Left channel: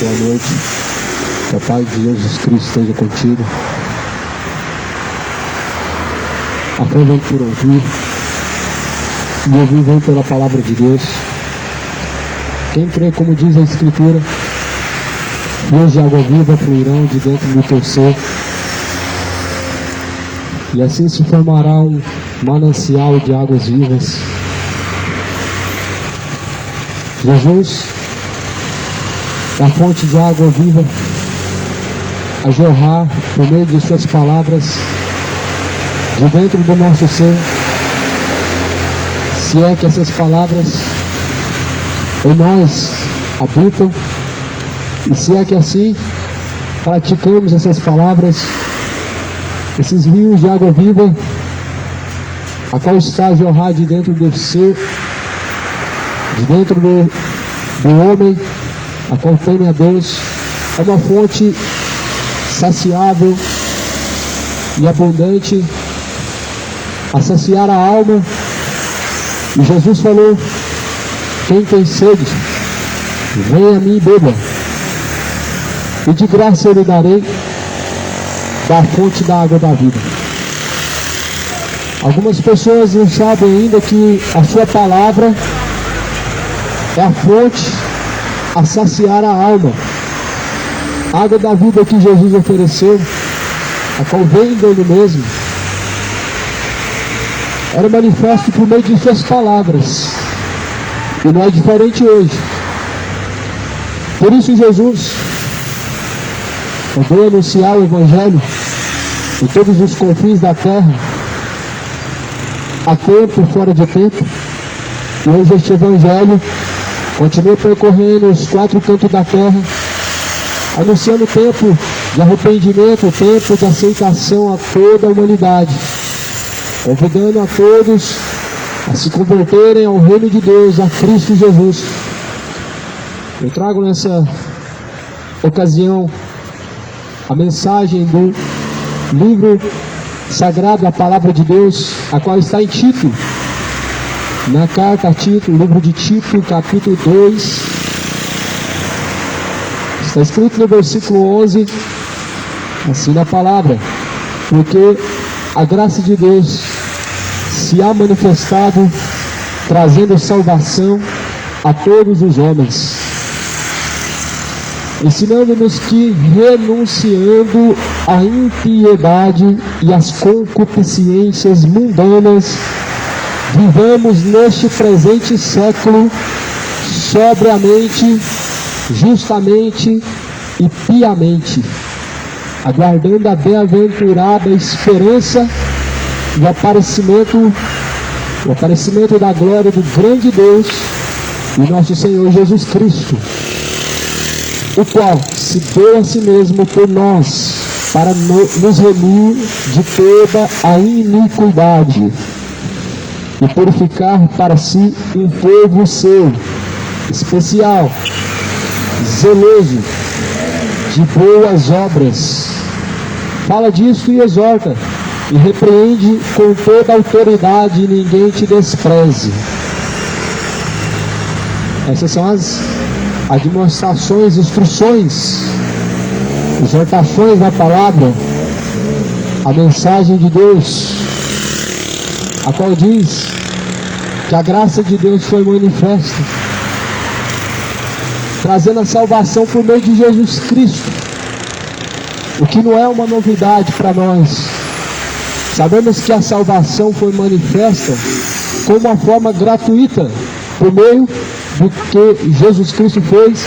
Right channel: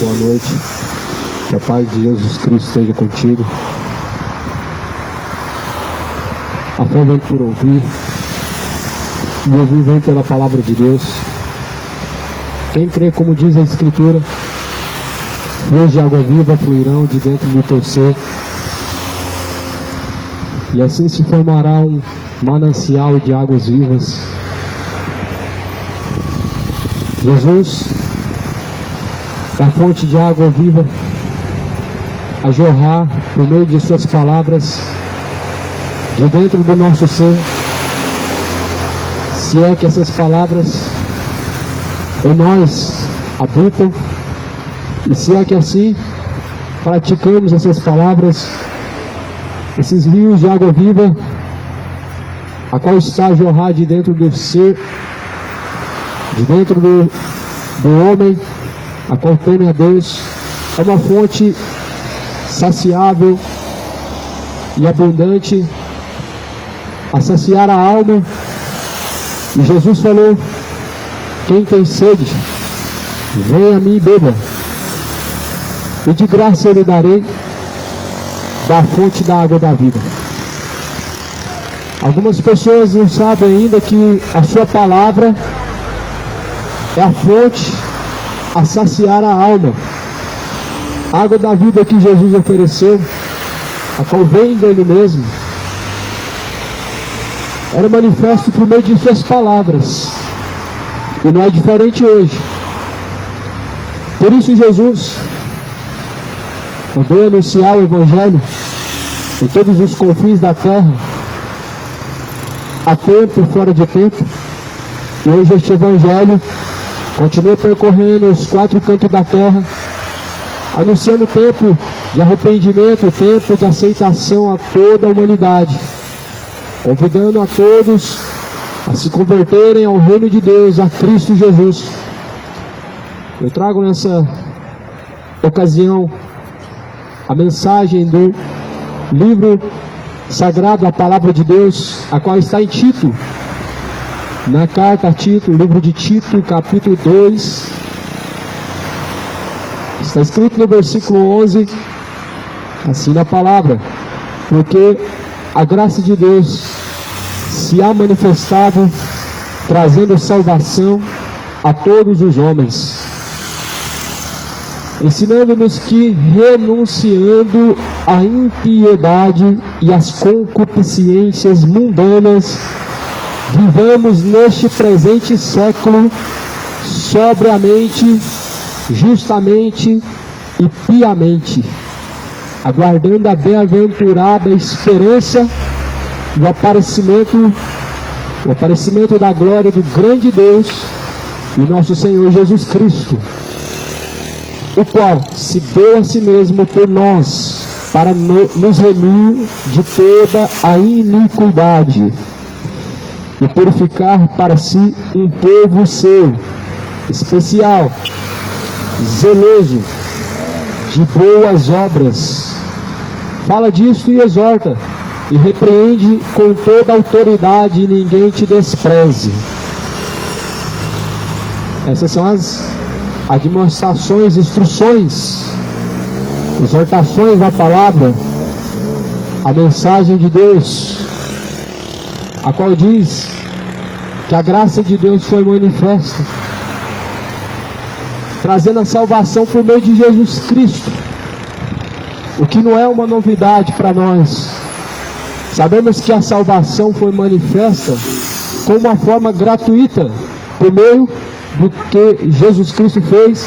boa noite. Que a paz de Jesus Cristo esteja contigo. A fé vem por ouvir, e ouvir vem pela palavra de Deus. Quem crê, como diz a Escritura, rios de água viva fluirão de dentro do teu ser, e assim se formará um manancial de águas vivas. Jesus, a fonte de água viva, a jorrar por meio de suas palavras de dentro do nosso ser, se é que essas palavras em nós habitam, e se é que assim praticamos essas palavras, esses rios de água viva, a qual está a jorrar de dentro do ser, de dentro do homem, a qual teme a Deus, é uma fonte saciável e abundante a saciar a alma. E Jesus falou: quem tem sede, venha a mim e beba, e de graça eu lhe darei da fonte da água da vida. Algumas pessoas não sabem ainda que a sua palavra é a fonte a saciar a alma. A água da vida que Jesus ofereceu, a qual vem dele mesmo, era manifesto por meio de suas palavras, e não é diferente hoje. Por isso Jesus veio anunciar o Evangelho em todos os confins da terra, a tempo e fora de tempo. E hoje este Evangelho continua percorrendo os quatro cantos da terra, anunciando o tempo de arrependimento, o tempo de aceitação a toda a humanidade, convidando a todos a se converterem ao reino de Deus, a Cristo Jesus. Eu trago nessa ocasião a mensagem do livro sagrado, a Palavra de Deus, a qual está em Tito, na carta a Tito, livro de Tito, capítulo 2, está escrito no versículo 11, assim na palavra: porque a graça de Deus se há manifestado, trazendo salvação a todos os homens, ensinando-nos que, renunciando à impiedade e às concupiscências mundanas, vivamos neste presente século sobriamente, justamente e piamente, aguardando a bem-aventurada esperança do aparecimento da glória do grande Deus e nosso Senhor Jesus Cristo, o qual se deu a si mesmo por nós, para nos remir de toda a iniquidade e purificar para si um povo seu, especial, zeloso de boas obras. Fala disso e exorta, e repreende com toda a autoridade, e ninguém te despreze. Essas são as admoestações, instruções, exortações da palavra, a mensagem de Deus, a qual diz que a graça de Deus foi manifesta, trazendo a salvação por meio de Jesus Cristo, o que não é uma novidade para nós. Sabemos que a salvação foi manifesta como uma forma gratuita, por meio do que Jesus Cristo fez,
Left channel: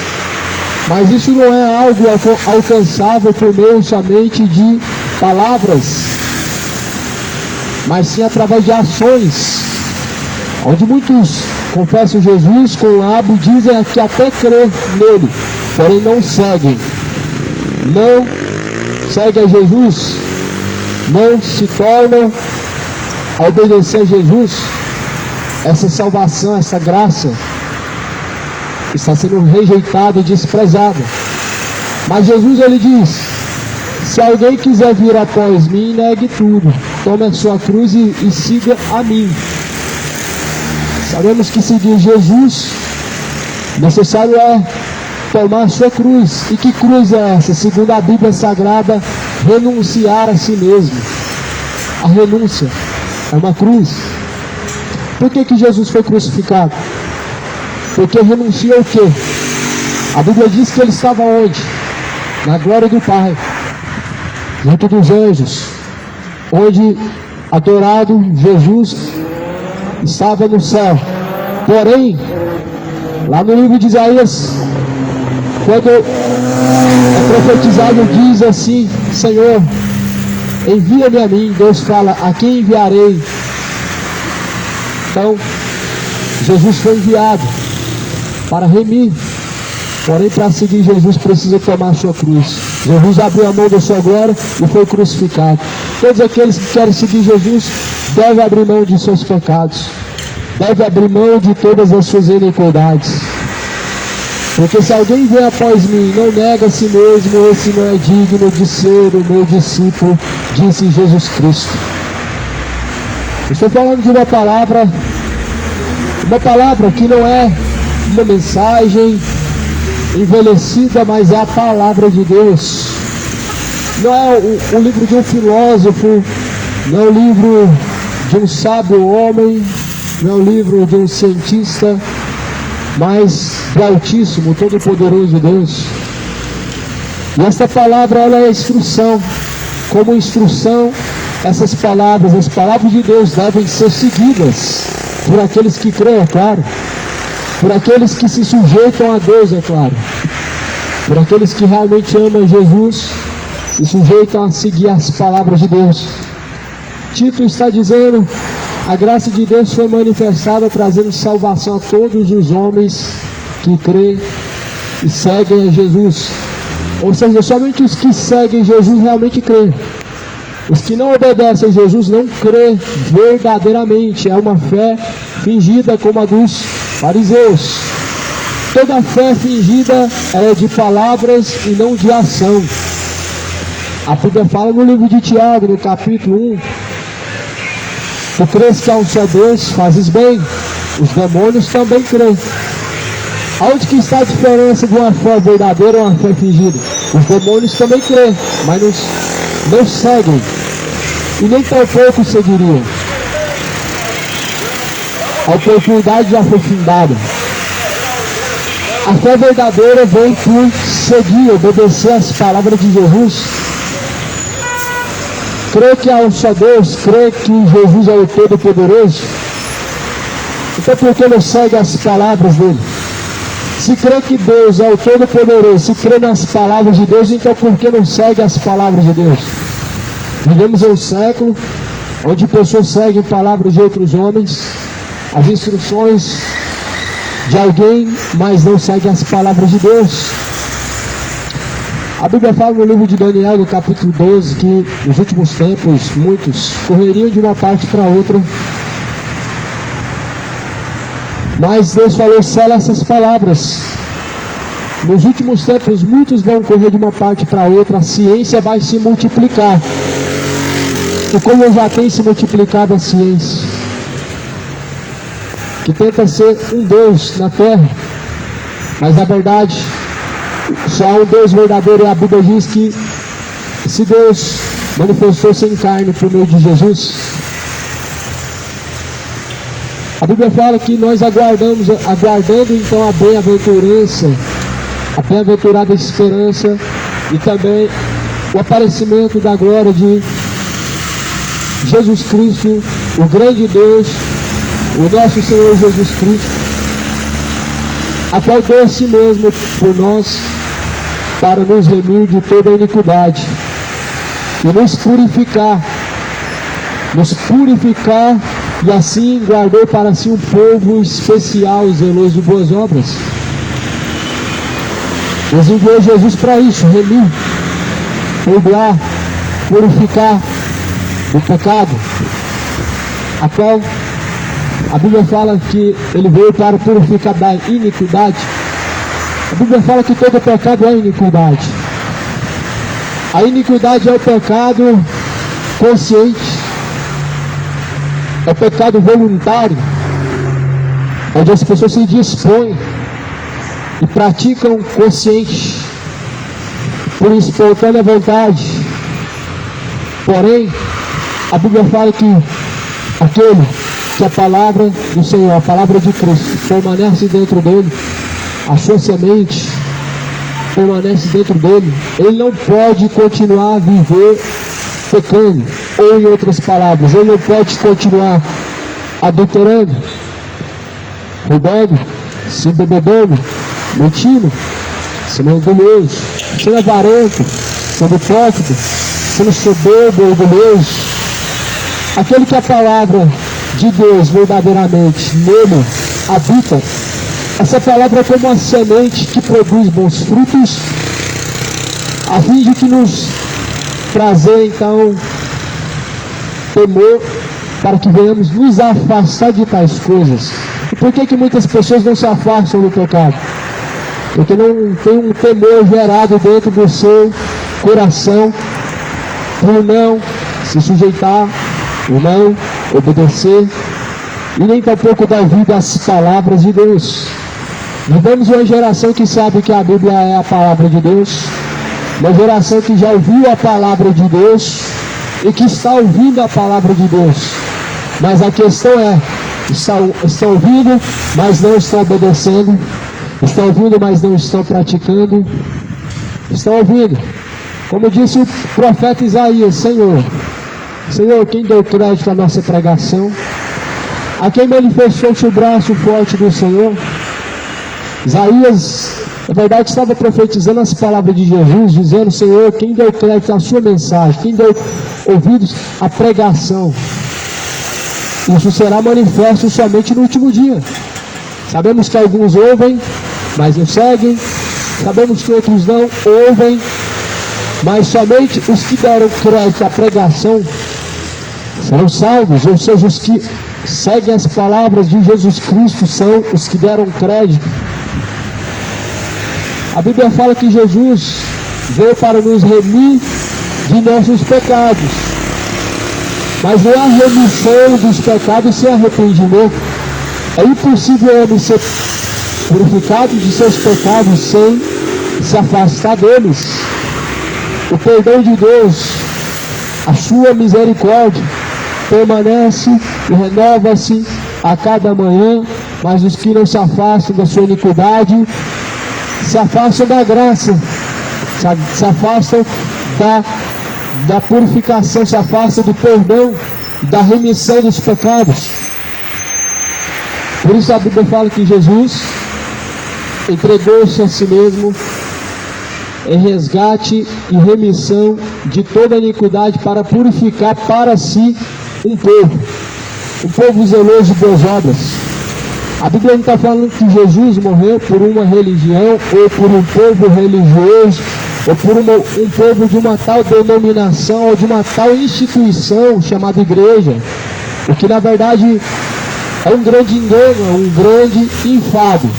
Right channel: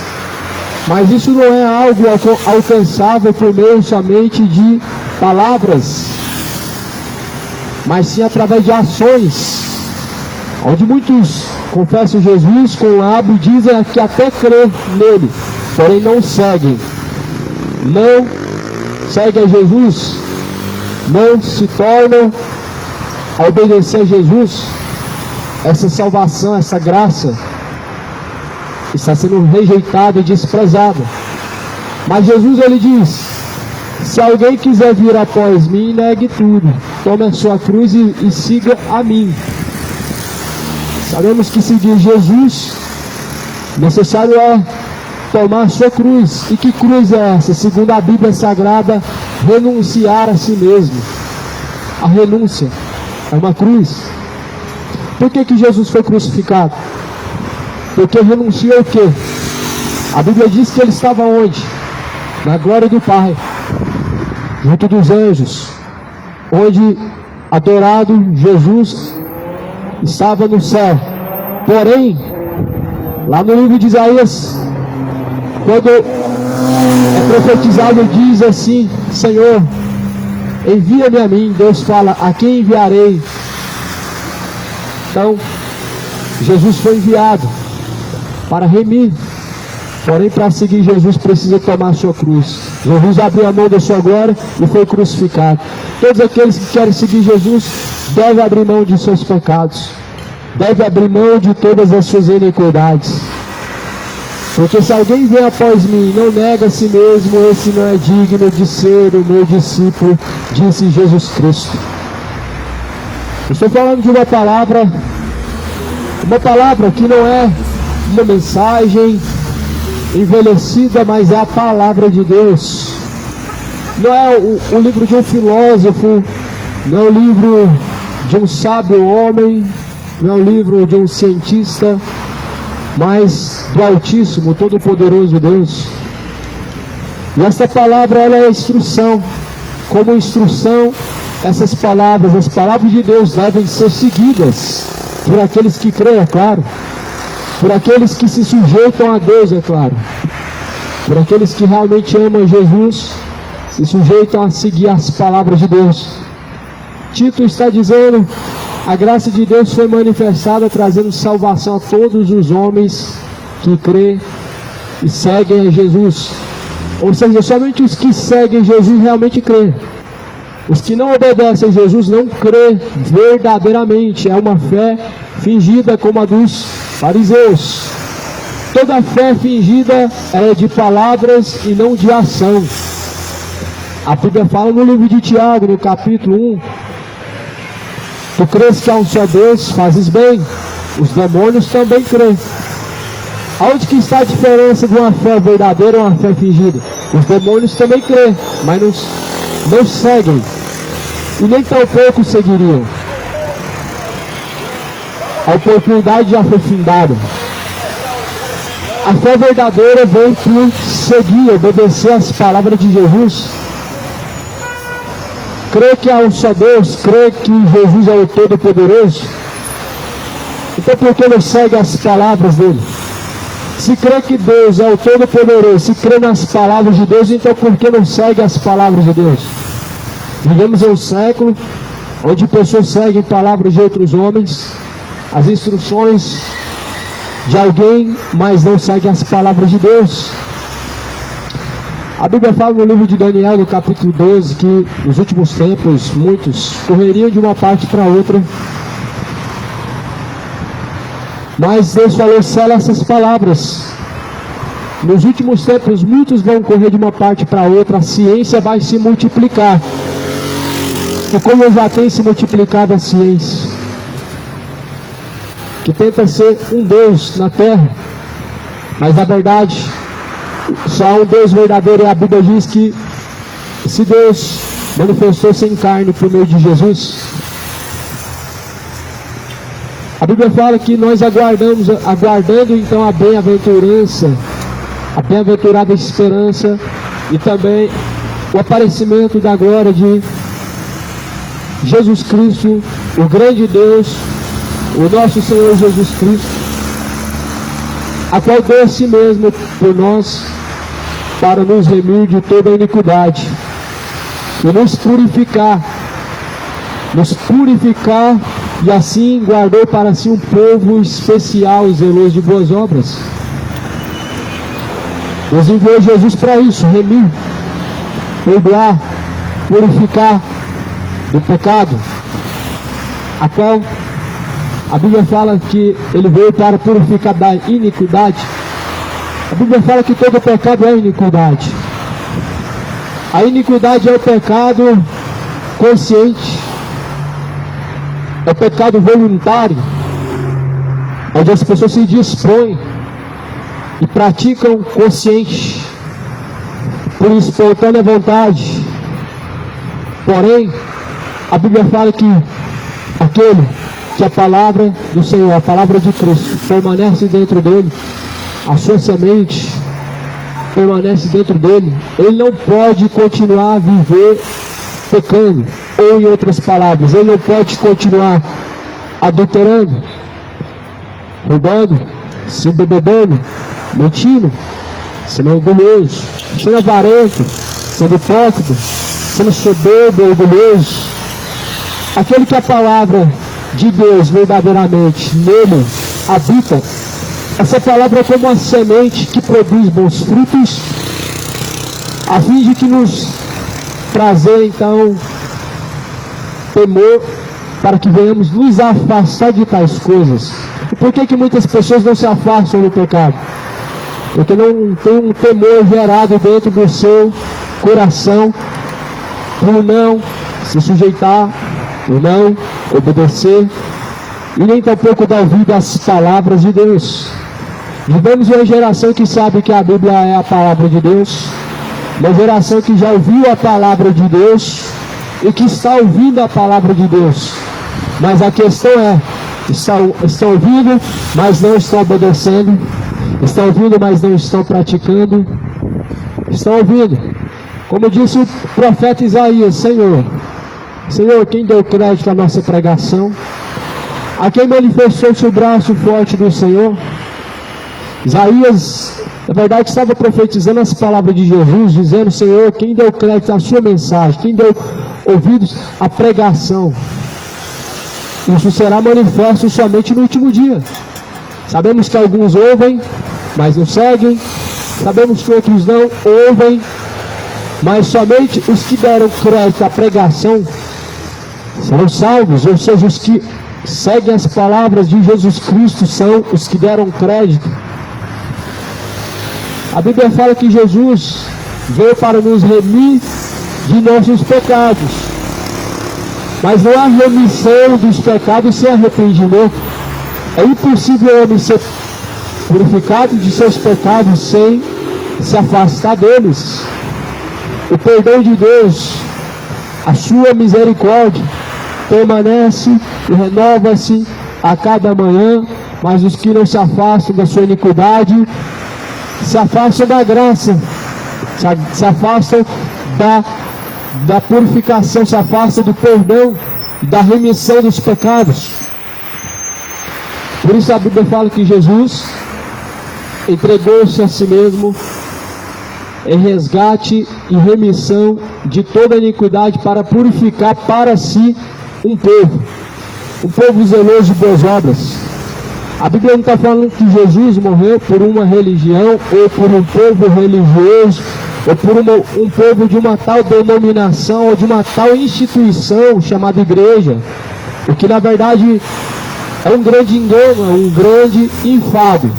mas isso não é algo alcançável por meio somente de palavras, mas sim através de ações, onde muitos confessam Jesus com o lábio, dizem que até crê nele, porém não seguem a Jesus, não se tornam a obedecer a Jesus. Essa salvação, essa graça está sendo rejeitada e desprezada. Mas Jesus, ele diz: se alguém quiser vir após mim, negue tudo, tome a sua cruz e siga a mim. Sabemos que seguir Jesus, necessário é tomar a sua cruz. E que cruz é essa? Segundo a Bíblia Sagrada, renunciar a si mesmo. A renúncia é uma cruz. Por que Jesus foi crucificado? Porque renunciou o quê? A Bíblia diz que ele estava onde? Na glória do Pai, junto dos anjos, onde adorado Jesus estava no céu. Porém, lá no livro de Isaías, quando é profetizado, diz assim: Senhor, envia-me a mim. Deus fala: a quem enviarei? Então, Jesus foi enviado para remir. Porém, para seguir Jesus, precisa tomar a sua cruz. Jesus abriu a mão da sua glória e foi crucificado. Todos aqueles que querem seguir Jesus devem abrir mão de seus pecados, devem abrir mão de todas as suas iniquidades. Porque se alguém vem após mim e não nega a si mesmo, esse não é digno de ser o meu discípulo, disse Jesus Cristo. Estou falando de uma palavra que não é uma mensagem envelhecida, mas é a palavra de Deus. Não é o livro de um filósofo, não é o livro de um sábio homem, não é o livro de um cientista, mas do Altíssimo, Todo-Poderoso Deus. E essa palavra, ela é instrução. Como instrução, essas palavras, as palavras de Deus devem ser seguidas por aqueles que creem, é claro. Por aqueles que se sujeitam a Deus, é claro. Por aqueles que realmente amam Jesus, se sujeitam a seguir as palavras de Deus. Tito está dizendo: a graça de Deus foi manifestada, trazendo salvação a todos os homens que creem e seguem a Jesus. Ou seja, somente os que seguem Jesus realmente creem. Os que não obedecem a Jesus não creem verdadeiramente. É uma fé fingida como a dos fariseus. Toda fé fingida é de palavras e não de ação. A Bíblia fala no livro de Tiago, no capítulo 1: tu crês que há um só Deus, fazes bem. Os demônios também creem. Onde que está a diferença de uma fé verdadeira ou uma fé fingida? Os demônios também creem, mas não seguem. E nem por pouco seguiriam. A oportunidade já foi findada. A fé verdadeira vem por seguir, obedecer as palavras de Jesus. Crê que há um só Deus, crê que Jesus é o Todo-Poderoso. Então por que não segue as palavras dele? Se crê que Deus é o Todo-Poderoso, se crê nas palavras de Deus, então por que não segue as palavras de Deus? Vivemos em um século onde pessoas seguem palavras de outros homens, as instruções de alguém, mas não seguem as palavras de Deus. A Bíblia fala no livro de Daniel, no capítulo 12, que nos últimos tempos, muitos correriam de uma parte para outra. Mas Deus falou: sela essas palavras. Nos últimos tempos, muitos vão correr de uma parte para outra, a ciência vai se multiplicar. E como já tem se multiplicado a ciência, que tenta ser um Deus na terra, mas na verdade, só há um Deus verdadeiro. E a Bíblia diz que esse Deus manifestou-se em carne por meio de Jesus. A Bíblia fala que nós aguardando então a bem-aventurança, a bem-aventurada esperança e também o aparecimento da glória de Jesus Cristo, o grande Deus, o nosso Senhor Jesus Cristo, a qual deu a si mesmo por nós, para nos remir de toda a iniquidade e nos purificar e assim guardou para si um povo especial e zeloso de boas obras. Deus enviou Jesus para isso: remir, perdoar, purificar o pecado, a qual a Bíblia fala que ele veio para purificar da iniquidade. A Bíblia fala que todo pecado é iniquidade. A iniquidade é o pecado consciente, é o pecado voluntário, onde as pessoas se dispõem e praticam consciente, por espontânea vontade. Porém, a Bíblia fala que aquele que a palavra do Senhor, a palavra de Cristo, permanece dentro dele, a sua semente permanece dentro dele, ele não pode continuar a viver pecando, ou em outras palavras, ele não pode continuar adulterando, roubando, se embebedando, mentindo, sendo enganoso, sendo avarento, sendo hipócrita, sendo soberbo, orgulhoso. Aquele que a palavra de Deus verdadeiramente nele habita, essa palavra é como uma semente que produz bons frutos, a fim de que nos trazer então temor, para que venhamos nos afastar de tais coisas. E por que muitas pessoas não se afastam do pecado? Porque não tem um temor gerado dentro do seu coração, por não se sujeitar, por não obedecer, e nem tampouco dar vida às palavras de Deus. Vivemos uma geração que sabe que a Bíblia é a palavra de Deus, uma geração que já ouviu a palavra de Deus e que está ouvindo a palavra de Deus. Mas a questão é, estão ouvindo, mas não estão obedecendo, estão ouvindo, mas não estão praticando, estão ouvindo. Como disse o profeta Isaías: Senhor, quem deu crédito à nossa pregação? A quem manifestou-se o braço forte do Senhor? Isaías, na verdade, estava profetizando as palavras de Jesus, dizendo: Senhor, quem deu crédito à sua mensagem? Quem deu ouvidos à pregação? Isso será manifesto somente no último dia. Sabemos que alguns ouvem, mas não seguem. Sabemos que outros não ouvem, mas somente os que deram crédito à pregação serão salvos. Ou seja, os que seguem as palavras de Jesus Cristo são os que deram crédito. A Bíblia fala que Jesus veio para nos remir de nossos pecados. Mas não há remissão dos pecados sem arrependimento. É impossível o homem ser purificado de seus pecados sem se afastar deles. O perdão de Deus, a sua misericórdia, permanece e renova-se a cada manhã, mas os que não se afastam da sua iniquidade se afastam da graça, se afastam da purificação, se afastam do perdão, da remissão dos pecados. Por isso a Bíblia fala que Jesus entregou-se a si mesmo em resgate e remissão de toda a iniquidade, para purificar para si um povo zeloso de boas obras. A Bíblia não está falando que Jesus morreu por uma religião, ou por um povo religioso, ou por um povo de uma tal denominação, ou de uma tal instituição chamada igreja. O que na verdade é um grande engano, é um grande enfado.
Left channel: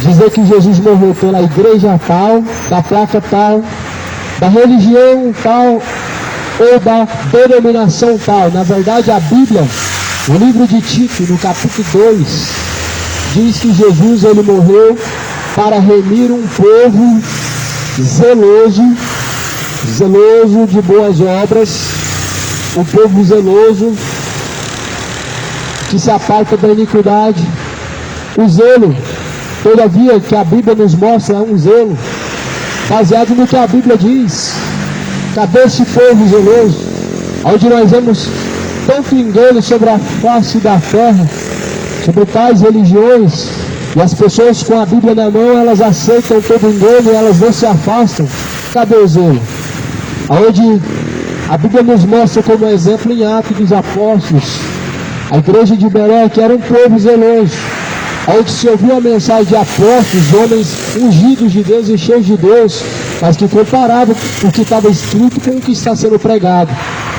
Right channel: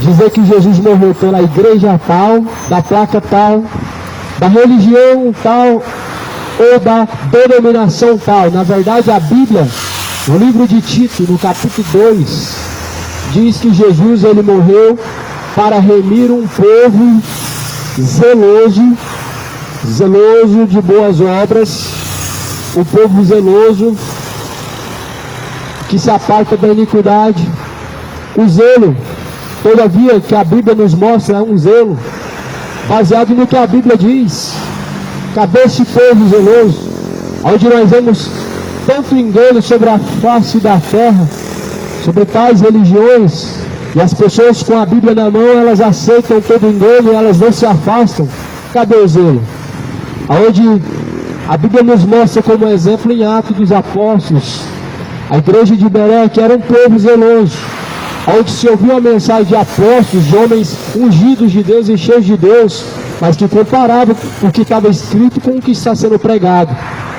Dizer que Jesus morreu pela igreja tal, da placa tal, da religião tal, ou da denominação tal. Na verdade, a Bíblia, no livro de Tito, no capítulo 2, diz que Jesus ele morreu para remir um povo zeloso de boas obras, um povo zeloso que se aparta da iniquidade. O zelo, todavia, que a Bíblia nos mostra, é um zelo baseado no que a Bíblia diz. Cadê esse povo zeloso? Onde nós vemos tanto engano sobre a face da terra, sobre tais religiões, e as pessoas com a Bíblia na mão, elas aceitam todo engano e elas não se afastam. Cadê o zelo? Onde a Bíblia nos mostra como exemplo em Atos dos Apóstolos, a igreja de Bereia, que era um povo zeloso, onde se ouviu a mensagem de apóstolos, homens ungidos de Deus e cheios de Deus, mas que comparavam o que estava escrito com o que está sendo pregado.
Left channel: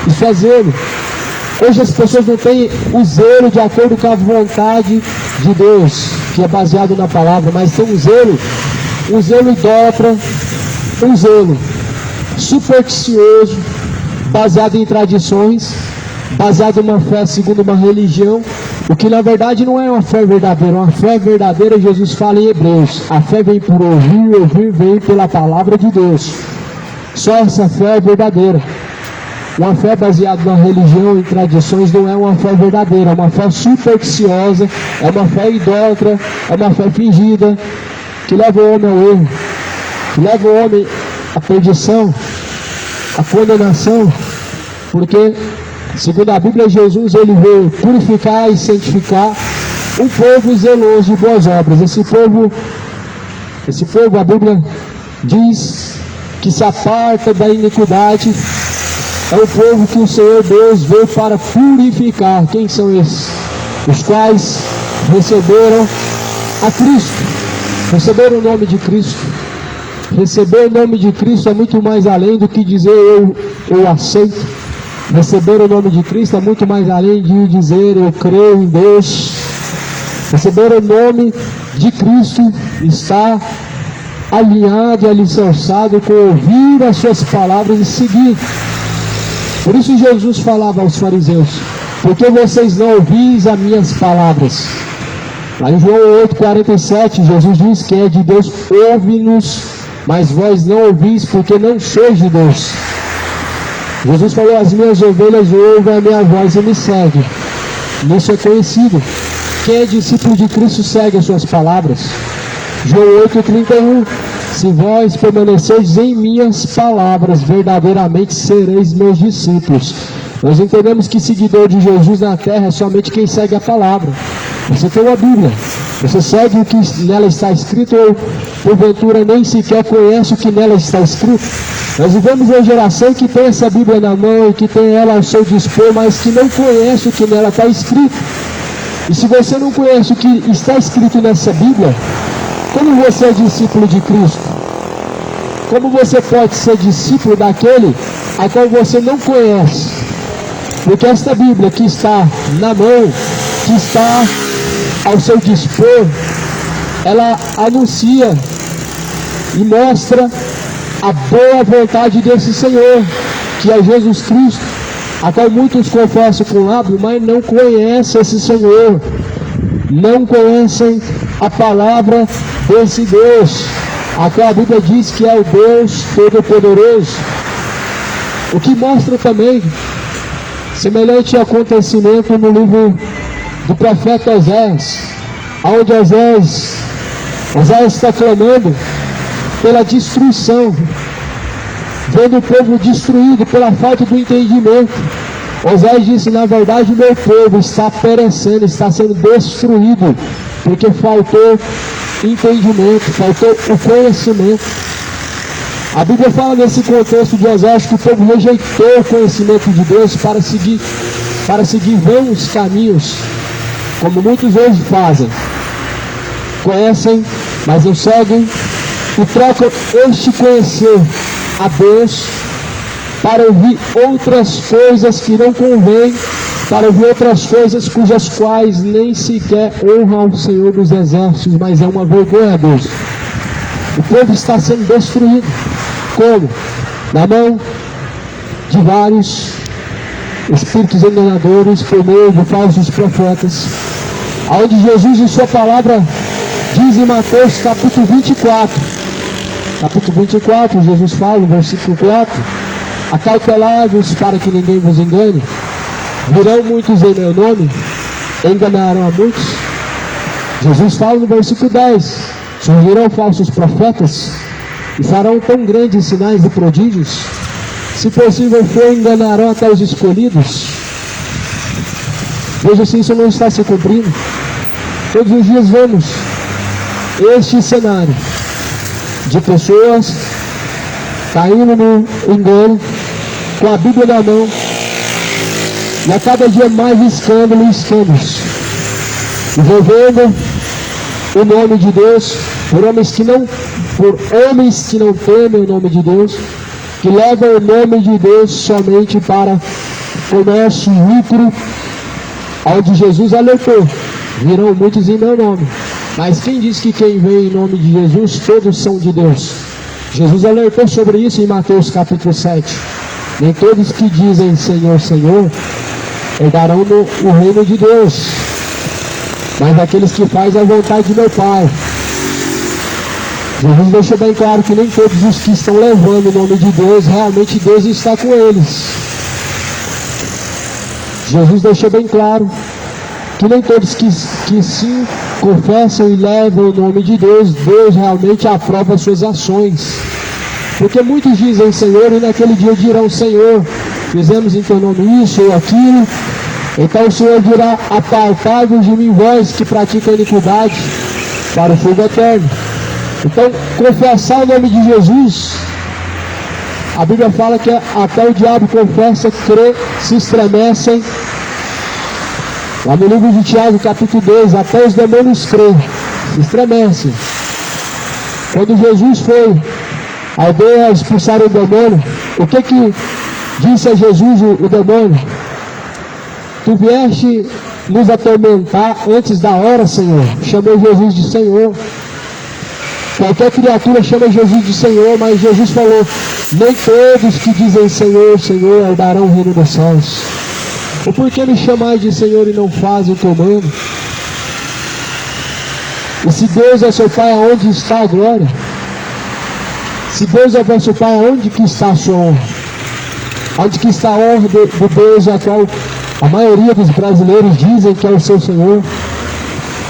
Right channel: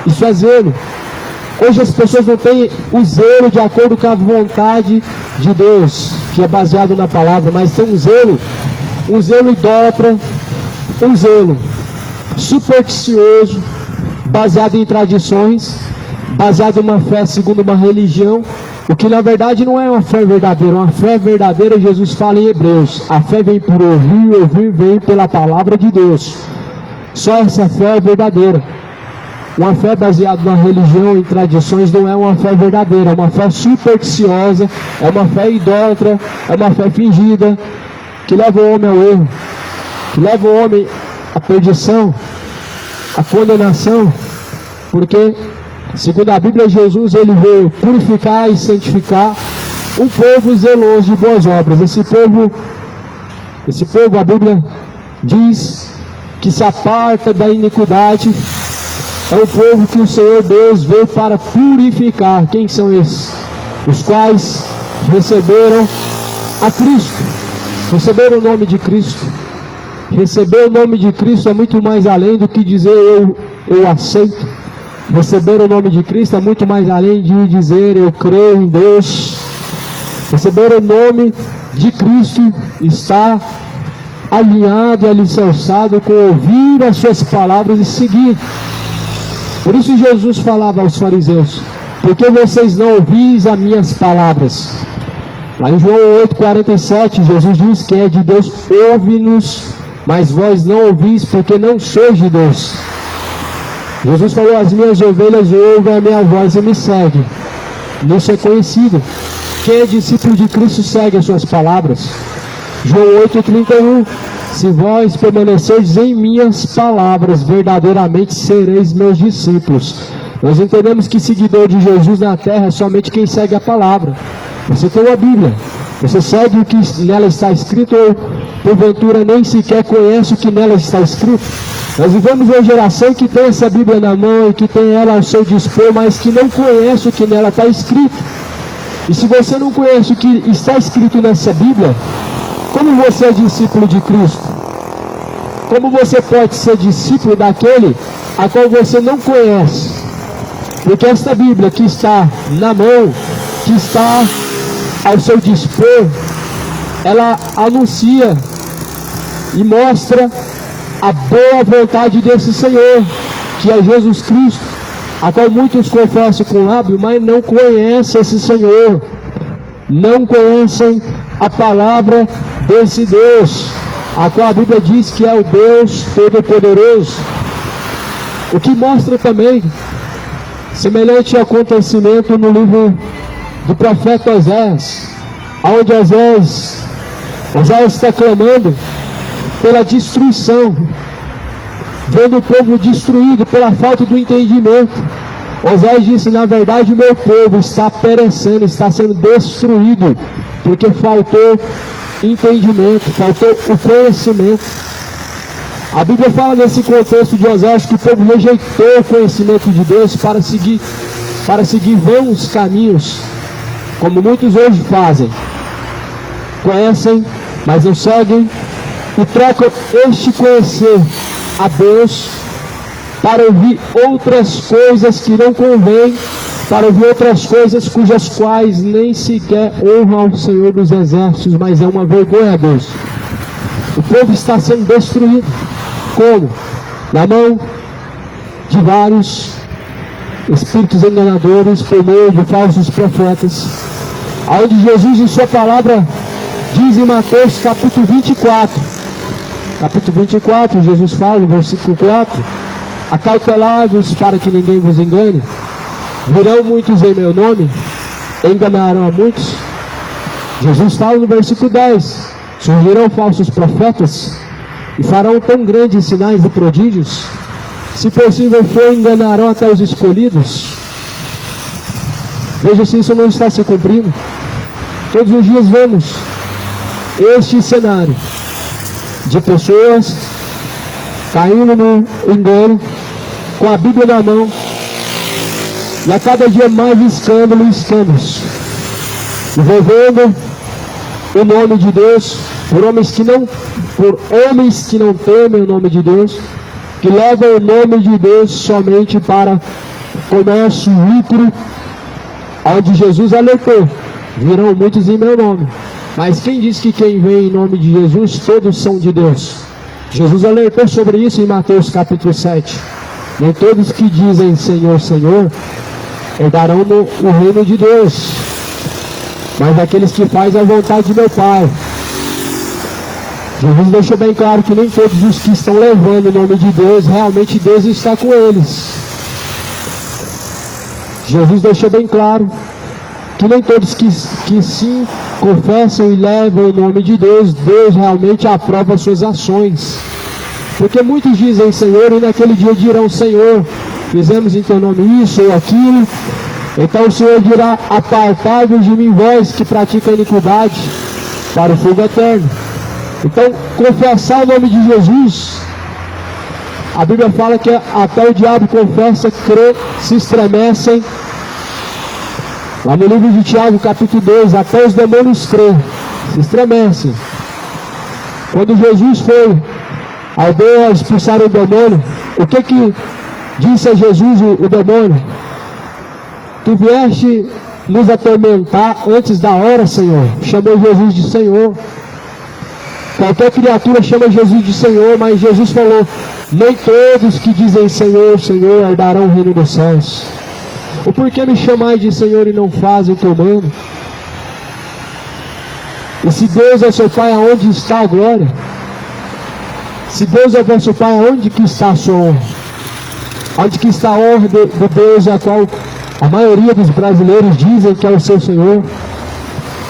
Isso é zelo. Hoje as pessoas não têm o zelo de acordo com a vontade de Deus, que é baseado na palavra, mas tem um zelo idólatra, um zelo supersticioso, baseado em tradições, baseado em uma fé segundo uma religião, O que na verdade não é uma fé verdadeira. Uma fé verdadeira, Jesus fala em Hebreus, a fé vem por ouvir, ouvir vem pela palavra de Deus. Só essa fé é verdadeira. Uma fé baseada na religião e tradições não é uma fé verdadeira, é uma fé supersticiosa, é uma fé idólatra, é uma fé fingida, que leva o homem ao erro, que leva o homem à perdição, à condenação, porque, segundo a Bíblia, Jesus ele veio purificar e santificar um povo zeloso de boas obras. Esse povo, a Bíblia diz que se aparta da iniquidade. É o povo que o Senhor Deus veio para purificar. Quem são esses? Os quais receberam a Cristo, receberam o nome de Cristo. Receber o nome de Cristo é muito mais além do que dizer eu aceito. Receber o nome de Cristo é muito mais além de dizer eu creio em Deus. Receber o nome de Cristo está alinhado e alicerçado com ouvir as suas palavras e seguir. Por isso Jesus falava aos fariseus: porque vocês não ouvis as minhas palavras? Lá em João 8,47, Jesus diz: quem é de Deus ouve-nos, mas vós não ouvis, porque não sois de Deus. Jesus falou: as minhas ovelhas ouvem a minha voz e me seguem. Isso é conhecido. Quem é discípulo de Cristo segue as suas palavras. João 8,31: se vós permaneceis em minhas palavras, verdadeiramente sereis meus discípulos. Nós entendemos que seguidor de Jesus na terra é somente quem segue a palavra. Você tem a Bíblia, você segue o que nela está escrito, ou porventura nem sequer conhece o que nela está escrito. Nós vivemos uma geração que tem essa Bíblia na mão e que tem ela ao seu dispor, mas que não conhece o que nela está escrito. E se você não conhece o que está escrito nessa Bíblia, como você é discípulo de Cristo? Como você pode ser discípulo daquele a qual você não conhece? Porque esta Bíblia que está na mão, que está ao seu dispor, ela anuncia e mostra a boa vontade desse Senhor, que é Jesus Cristo, a qual muitos confessam com lábios, mas não conhecem esse Senhor, não conhecem a palavra desse Deus, a qual a Bíblia diz que é o Deus Todo-Poderoso. O que mostra também semelhante acontecimento no livro do profeta Oséias, onde Oséias está clamando pela destruição, vendo o povo destruído pela falta do entendimento. Oséias disse: na verdade, meu povo está perecendo, está sendo destruído, porque faltou entendimento, faltou o conhecimento. A Bíblia fala nesse contexto de Oséias que o povo rejeitou o conhecimento de Deus para seguir vãos caminhos, como muitos hoje fazem. Conhecem, mas não seguem, e trocam este conhecer a Deus para ouvir outras coisas que não convêm, para ouvir outras coisas cujas quais nem sequer honram ao Senhor dos Exércitos, mas é uma vergonha a Deus. O povo está sendo destruído. Como? Na mão de vários espíritos enganadores, por meio de falsos profetas, onde Jesus em sua palavra diz em Mateus capítulo 24, Jesus fala no versículo 4: acautelai-vos para que ninguém vos engane, virão muitos em meu nome, enganarão a muitos. Jesus fala no versículo 10: surgirão falsos profetas e farão tão grandes sinais e prodígios, se possível for, enganarão até os escolhidos. Veja se isso não está se cumprindo. Todos os dias vemos este cenário de pessoas caindo no engano, com a Bíblia na mão, e a cada dia mais escândalo e escândalos, envolvendo o nome de Deus, por homens que não temem o nome de Deus, que levam o nome de Deus somente para comércio, lucro, onde Jesus alertou: virão muitos em meu nome. Mas quem diz que quem vem em nome de Jesus, todos são de Deus? Jesus alertou sobre isso em Mateus capítulo 7. Nem todos que dizem Senhor, Senhor, herdarão o reino de Deus. mas daqueles que fazem a vontade do meu Pai. Jesus deixa bem claro que nem todos os que estão levando o nome de Deus, realmente Deus está com eles. Jesus deixou bem claro que nem todos que sim confessam e levam o nome de Deus, Deus realmente aprova suas ações. Porque muitos dizem Senhor e naquele dia dirão Senhor, fizemos em teu nome isso ou aquilo. Então o Senhor dirá, apartai-vos de mim vós que praticam iniquidade, para o fogo eterno. Então, confessar o nome de Jesus, a Bíblia fala que até o diabo confessa, crê, se estremecem. Lá no livro de Tiago, capítulo 2, até os demônios crêem, se estremecem. Quando Jesus foi ao Deus expulsar o demônio, o que disse a Jesus o demônio? Tu vieste nos atormentar antes da hora, Senhor. Chamou Jesus de Senhor. Qualquer criatura chama Jesus de Senhor, mas Jesus falou, nem todos que dizem Senhor, Senhor, herdarão o reino dos céus. O porquê me chamais de Senhor e não fazem o que eu mando? E se Deus é seu Pai, aonde está a glória? Se Deus é vosso Pai, aonde que está a sua honra? Onde que está a honra do Deus a qual a maioria dos brasileiros dizem que é o seu Senhor?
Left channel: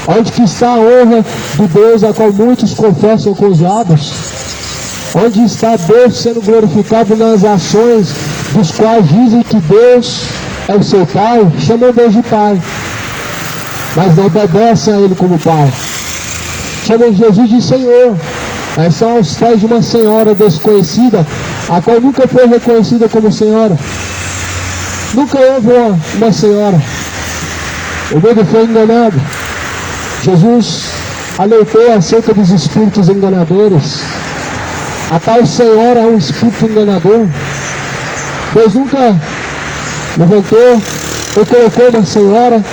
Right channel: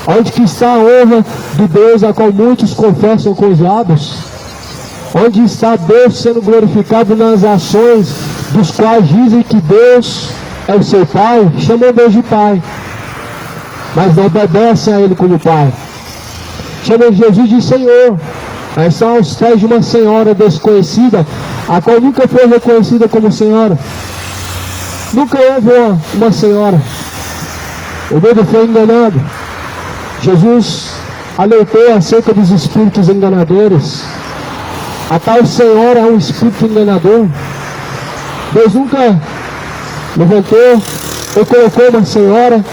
Onde que está a honra do Deus a qual muitos confessam com os lábios? Onde está Deus sendo glorificado nas ações dos quais dizem que Deus é o seu Pai? Chamam Deus de Pai, mas não obedecem a Ele como Pai. Chamam Jesus de Senhor, mas são aos pés de uma senhora desconhecida, a qual nunca foi reconhecida como senhora. Nunca houve uma senhora. O medo foi enganado. Jesus alertou acerca dos espíritos enganadores. A tal senhora é um espírito enganador. Deus nunca levantou ou colocou uma senhora,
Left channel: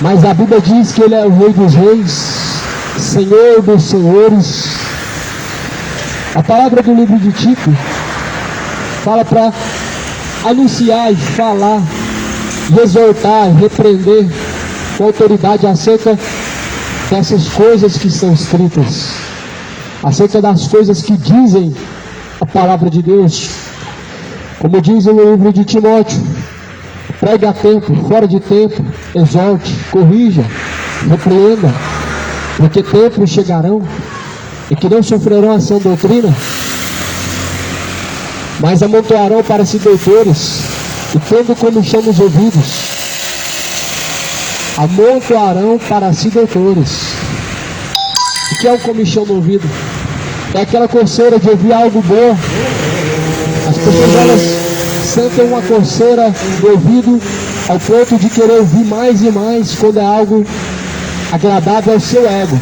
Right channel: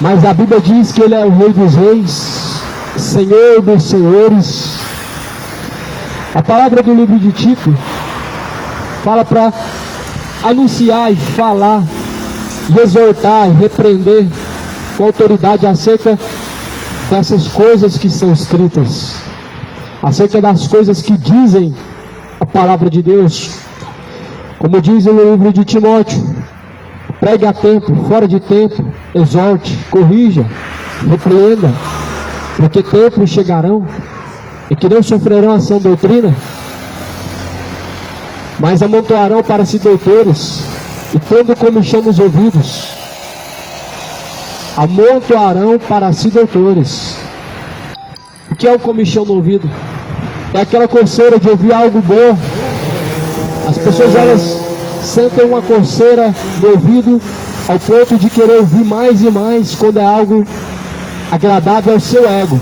mas a Bíblia diz que Ele é o Rei dos Reis, Senhor dos Senhores. A palavra do livro de Tito fala para anunciar e falar, e exortar, e repreender com autoridade acerca dessas coisas que são escritas, acerca das coisas que dizem a palavra de Deus. Como diz no livro de Timóteo, pregue a tempo, fora de tempo, exorte, corrija, repreenda, porque tempos chegarão e que não sofrerão ação doutrina, mas amontoarão para si doutores, e tendo comichão nos ouvidos, amontoarão para si doutores. O que é o comichão no ouvido? É aquela coceira de ouvir algo bom. As pessoas, elas sentem uma coceira no ouvido ao ponto de querer ouvir mais e mais quando é algo agradável ao seu ego.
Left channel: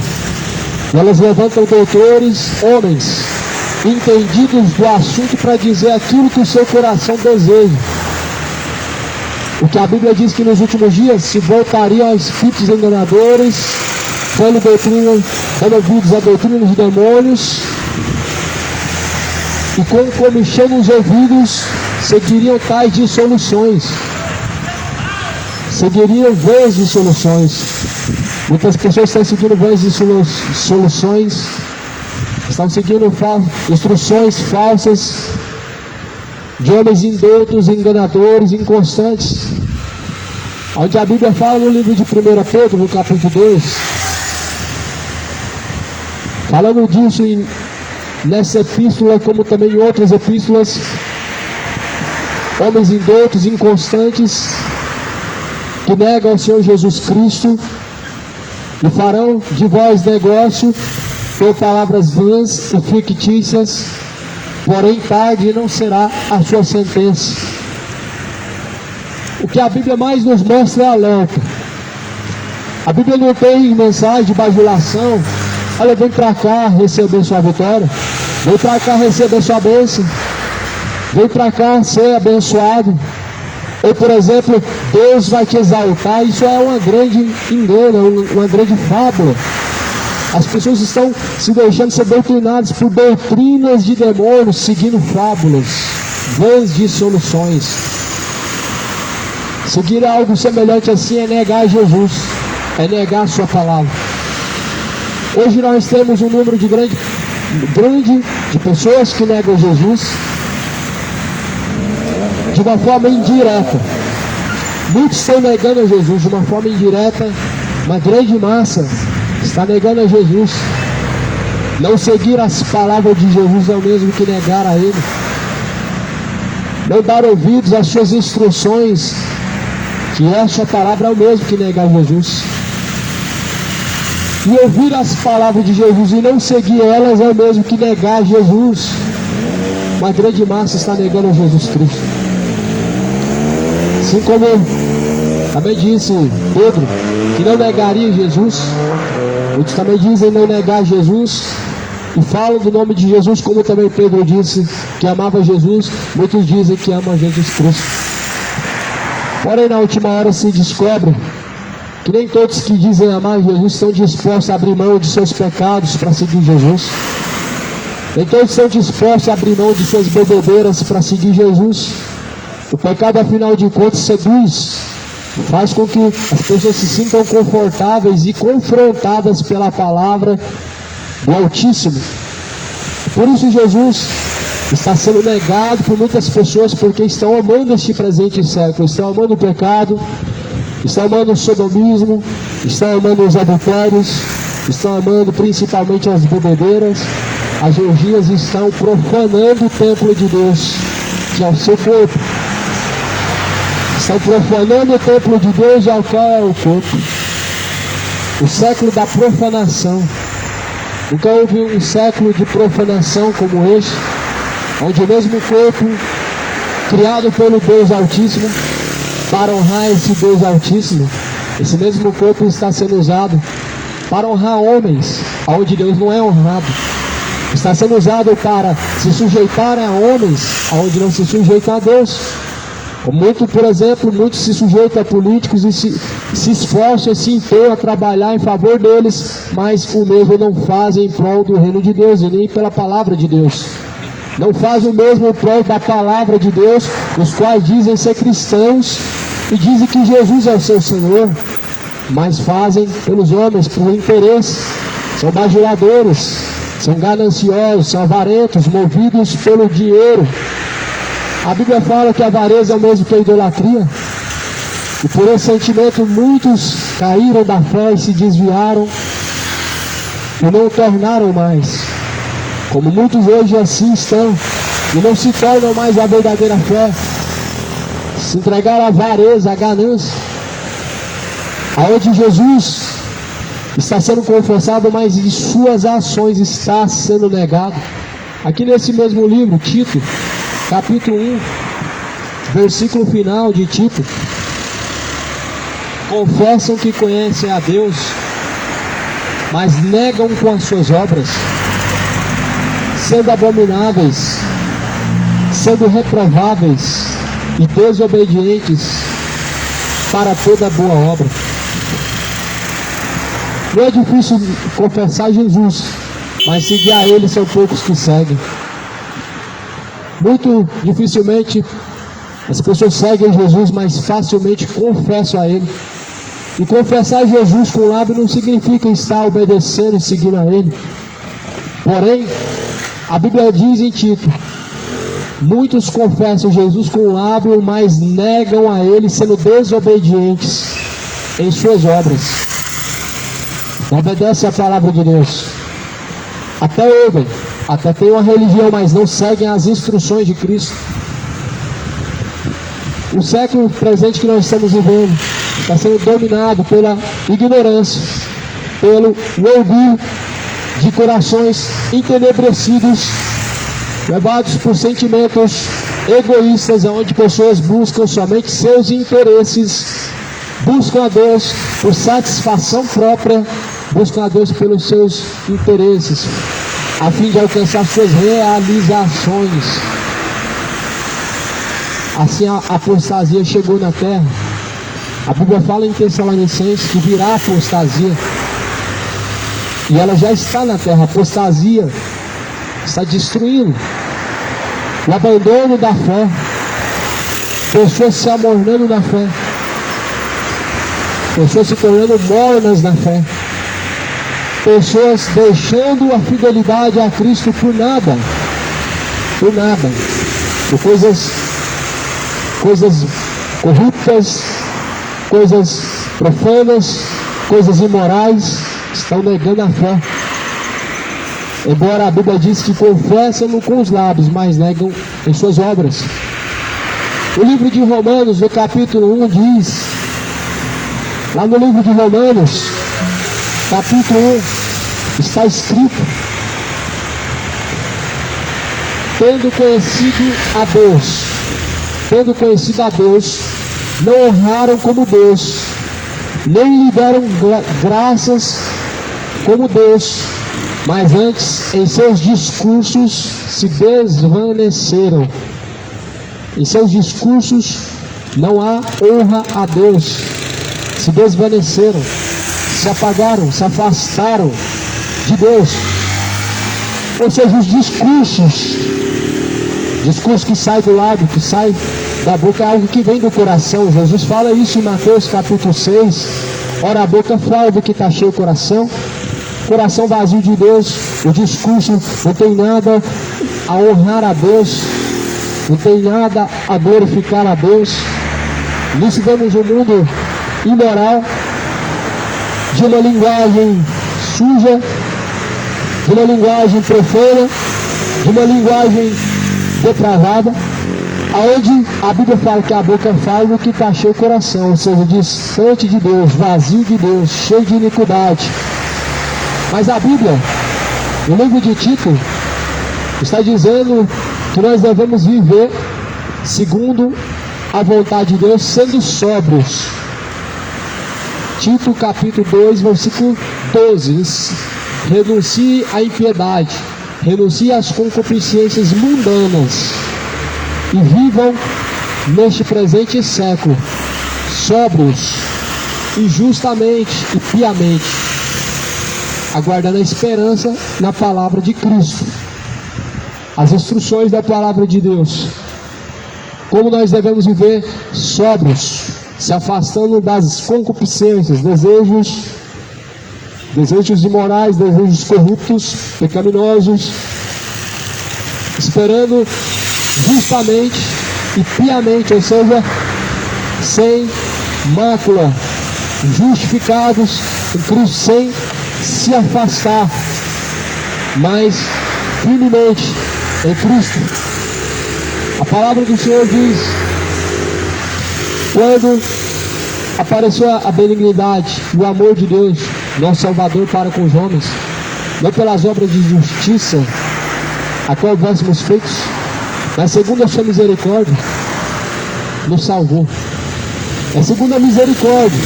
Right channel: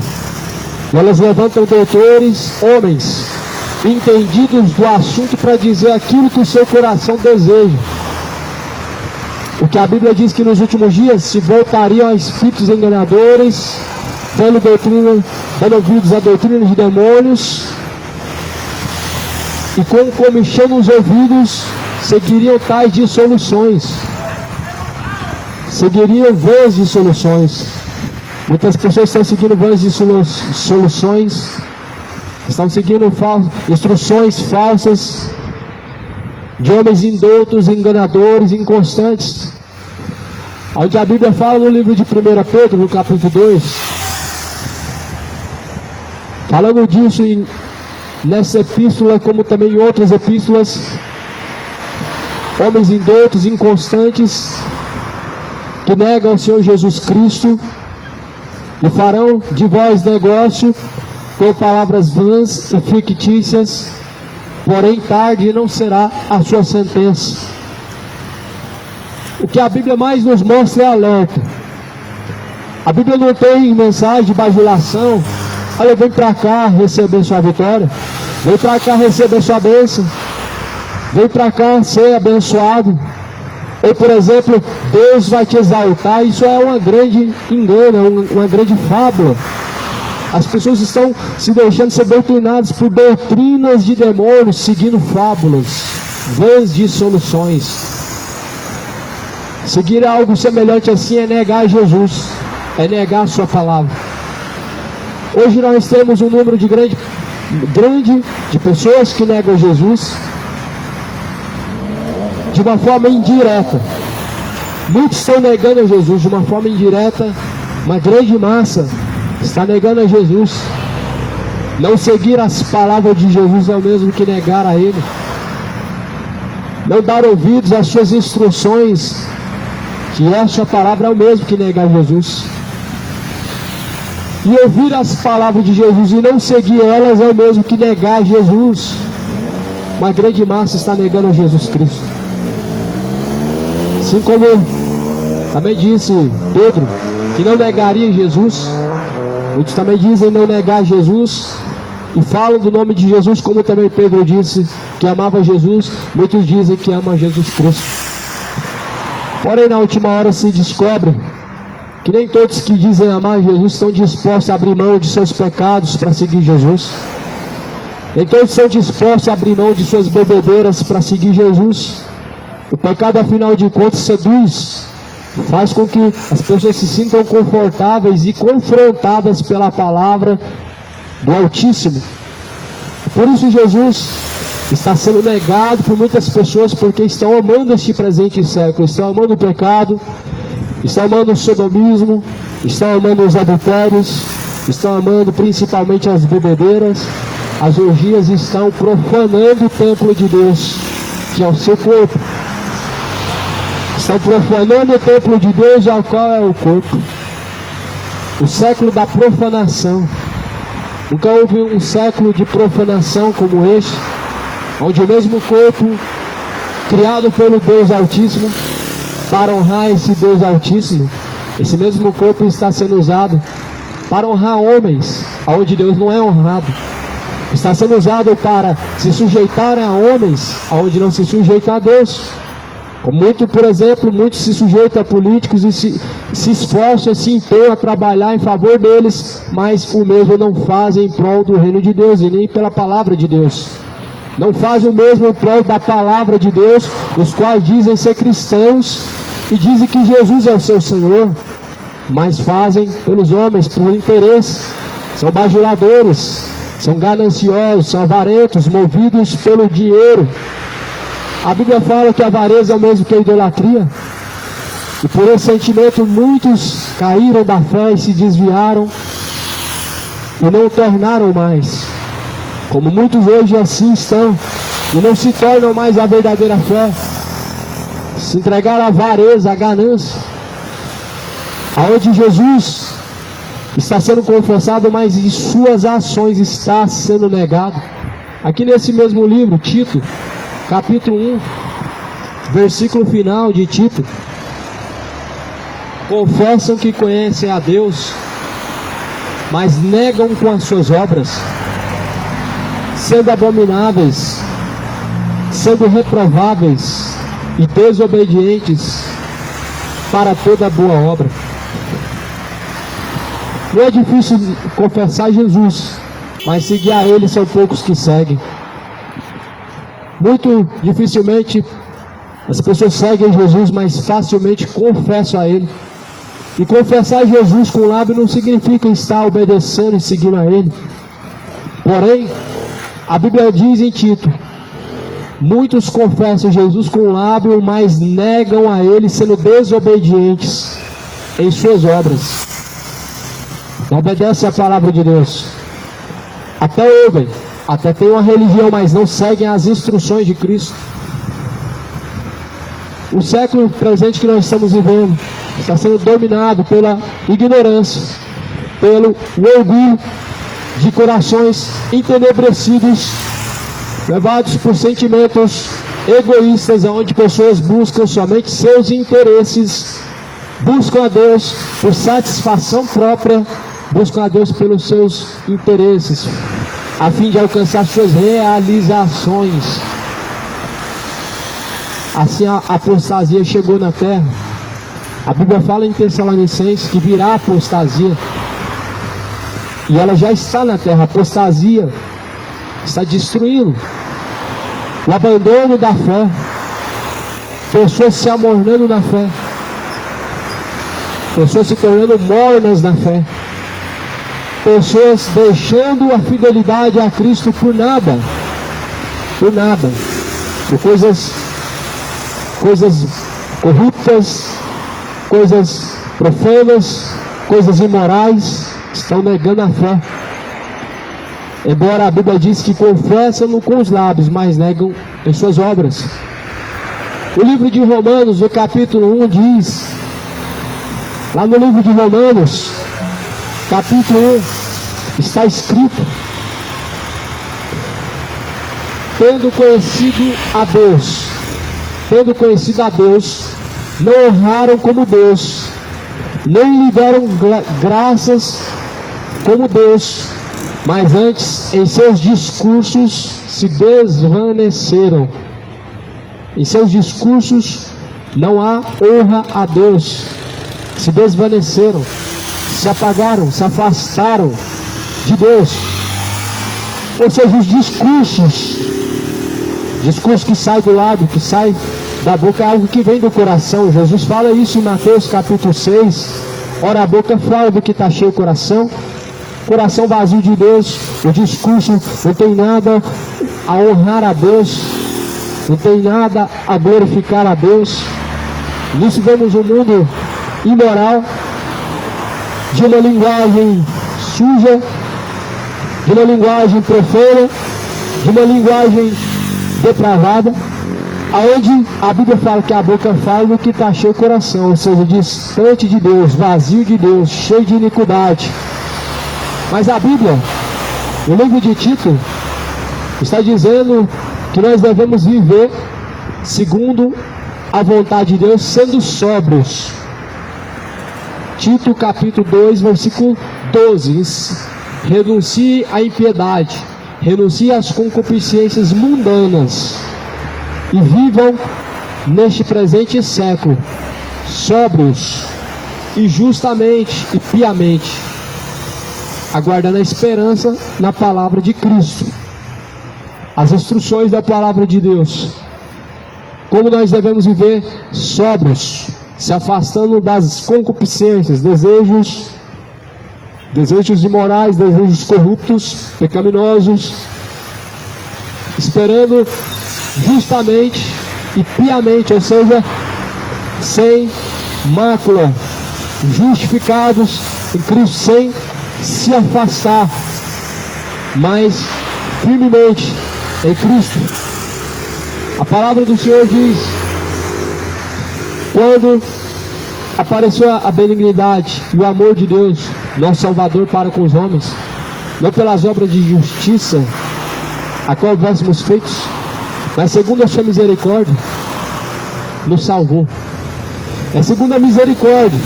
E elas levantam doutores, homens, entendidos do assunto para dizer aquilo que o seu coração deseja. O que a Bíblia diz que nos últimos dias se voltariam a espíritos enganadores, dando ouvidos a doutrina de demônios, e com comichão nos ouvidos seguiriam tais dissoluções, seguiriam vãs dissoluções. Muitas pessoas estão seguindo vãs dissoluções, estão seguindo instruções falsas de homens indoutos, enganadores, inconstantes. Onde a Bíblia fala no livro de 1 Pedro, no capítulo 2, falando disso nessa epístola, como também em outras epístolas, homens indoutos, inconstantes, que negam ao Senhor Jesus Cristo, e farão de vós negócio com palavras vãs e fictícias, porém tarde não será a sua sentença. O que a Bíblia mais nos mostra é alerta. A Bíblia não tem mensagem de bajulação. Olha, vem para cá receber sua vitória, vem para cá receber sua bênção, vem para cá ser abençoado. Ou, por exemplo, Deus vai te exaltar. Isso é uma grande engano, uma grande fábula. As pessoas estão se deixando ser doutrinadas por doutrinas de demônios, seguindo fábulas, vãs dissoluções. Seguir algo semelhante assim é negar Jesus. é negar a sua palavra. Hoje nós temos um número grande de pessoas que negam Jesus de uma forma indireta. Muitos estão negando a Jesus de uma forma indireta. Uma grande massa está negando a Jesus. Não seguir as palavras de Jesus é o mesmo que negar a Ele. Não dar ouvidos às suas instruções, que essa palavra é o mesmo que negar Jesus. E ouvir as palavras de Jesus e não seguir elas é o mesmo que negar Jesus. Uma grande massa está negando a Jesus Cristo. Assim como também disse Pedro, que não negaria Jesus. Muitos também dizem não negar Jesus e falam do nome de Jesus, como também Pedro disse que amava Jesus. Muitos dizem que amam Jesus Cristo. Porém, na última hora se descobre que nem todos que dizem amar Jesus estão dispostos a abrir mão de seus pecados para seguir Jesus. Nem todos estão dispostos a abrir mão de suas bebedeiras para seguir Jesus. O pecado, afinal de contas, seduz, faz com que as pessoas se sintam confortáveis e confrontadas pela palavra do Altíssimo. Por isso Jesus está sendo negado por muitas pessoas, porque estão amando este presente século, estão amando o pecado, estão amando o sodomismo, estão amando os adultérios, estão amando principalmente as bebedeiras, as orgias, estão profanando o templo de Deus, que é o seu corpo. Estão profanando o templo de Deus, ao qual é o corpo. O século da profanação. Nunca houve um século de profanação como este, onde o mesmo corpo, criado pelo Deus Altíssimo, para honrar esse Deus Altíssimo, esse mesmo corpo está sendo usado para honrar homens, onde Deus não é honrado. Está sendo usado para se sujeitar a homens, onde não se sujeita a Deus. Muito, por exemplo, muitos se sujeitam a políticos e se esforçam, se empenham a trabalhar em favor deles, mas o mesmo não fazem em prol do reino de Deus e nem pela palavra de Deus. Não fazem o mesmo em prol da palavra de Deus, os quais dizem ser cristãos e dizem que Jesus é o seu Senhor, mas fazem pelos homens, por interesse. São bajuladores, são gananciosos, são avarentos, movidos pelo dinheiro. A Bíblia fala que a avareza é o mesmo que a idolatria. E por esse sentimento muitos caíram da fé e se desviaram e não tornaram mais. Como muitos hoje assim estão e não se tornam mais a verdadeira fé. Se entregaram à avareza, à ganância. Aonde Jesus está sendo confessado, mas em suas ações está sendo negado. Aqui nesse mesmo livro, Tito, capítulo 1, versículo final de Tito: confessam que conhecem a Deus, mas negam com as suas obras, sendo abomináveis, sendo reprováveis e desobedientes para toda boa obra. Não é difícil confessar Jesus, mas seguir a Ele são poucos que seguem. Muito dificilmente as pessoas seguem Jesus, mas facilmente confessam a Ele. E confessar Jesus com o lábio não significa estar obedecendo e seguindo a Ele. Porém, a Bíblia diz em Tito: muitos confessam Jesus com o lábio, mas negam a Ele, sendo desobedientes em suas obras. Não obedecem a palavra de Deus. Até ouvem, até têm uma religião, mas não seguem as instruções de Cristo. O século presente que nós estamos vivendo está sendo dominado pela ignorância, pelo ouvir de corações entenebrecidos, levados por sentimentos egoístas, onde pessoas buscam somente seus interesses, buscam a Deus por satisfação própria, buscam a Deus pelos seus interesses, a fim de alcançar suas realizações. Assim a apostasia chegou na terra. A Bíblia fala em Tessalonicenses que virá a apostasia, e ela já está na terra. A apostasia está destruindo o abandono da fé, pessoas se amornando na fé. pessoas se tornando mornas na fé, pessoas deixando a fidelidade a Cristo por nada, por coisas corruptas, coisas profanas, coisas imorais, estão negando a fé. Embora a Bíblia diz que confessam com os lábios, mas negam em suas obras. O livro de Romanos, no capítulo 1, diz, lá no livro de Romanos, capítulo 1, está escrito: tendo conhecido a Deus, não honraram como Deus, nem lhe deram graças como Deus, mas antes em seus discursos se desvaneceram. Em seus discursos não há honra a Deus, se desvaneceram, se apagaram, se afastaram de Deus. Ou seja, os discurso que sai do lábio, que sai da boca, é algo que vem do coração. Jesus fala isso em Mateus capítulo 6. Ora, a boca fala do que está cheio o coração vazio de Deus. O discurso não tem nada a honrar a Deus, não tem nada a glorificar a Deus. Nisso vemos um mundo imoral, de uma linguagem suja, de uma linguagem profana, de uma linguagem depravada, aonde a Bíblia fala que a boca fala do que está cheio o coração, ou seja, distante de Deus, vazio de Deus, cheio de iniquidade. Mas a Bíblia, no livro de Tito, está dizendo que nós devemos viver segundo a vontade de Deus, sendo sóbrios. Tito capítulo 2, versículo 12. Renuncie à impiedade, renuncie às concupiscências mundanas e vivam neste presente século sóbrios e justamente e piamente, aguardando a esperança na palavra de Cristo, as instruções da palavra de Deus. Como nós devemos viver sóbrios, se afastando das concupiscências, desejos imorais, desejos corruptos, pecaminosos, esperando justamente e piamente, ou seja, sem mácula, justificados em Cristo, sem se afastar, mas firmemente em Cristo. A palavra do Senhor diz: quando apareceu a benignidade e o amor de Deus, nosso Salvador, para com os homens, não pelas obras de justiça a qual houvéssemos feitos, mas segundo a sua misericórdia, nos salvou. É segundo a misericórdia.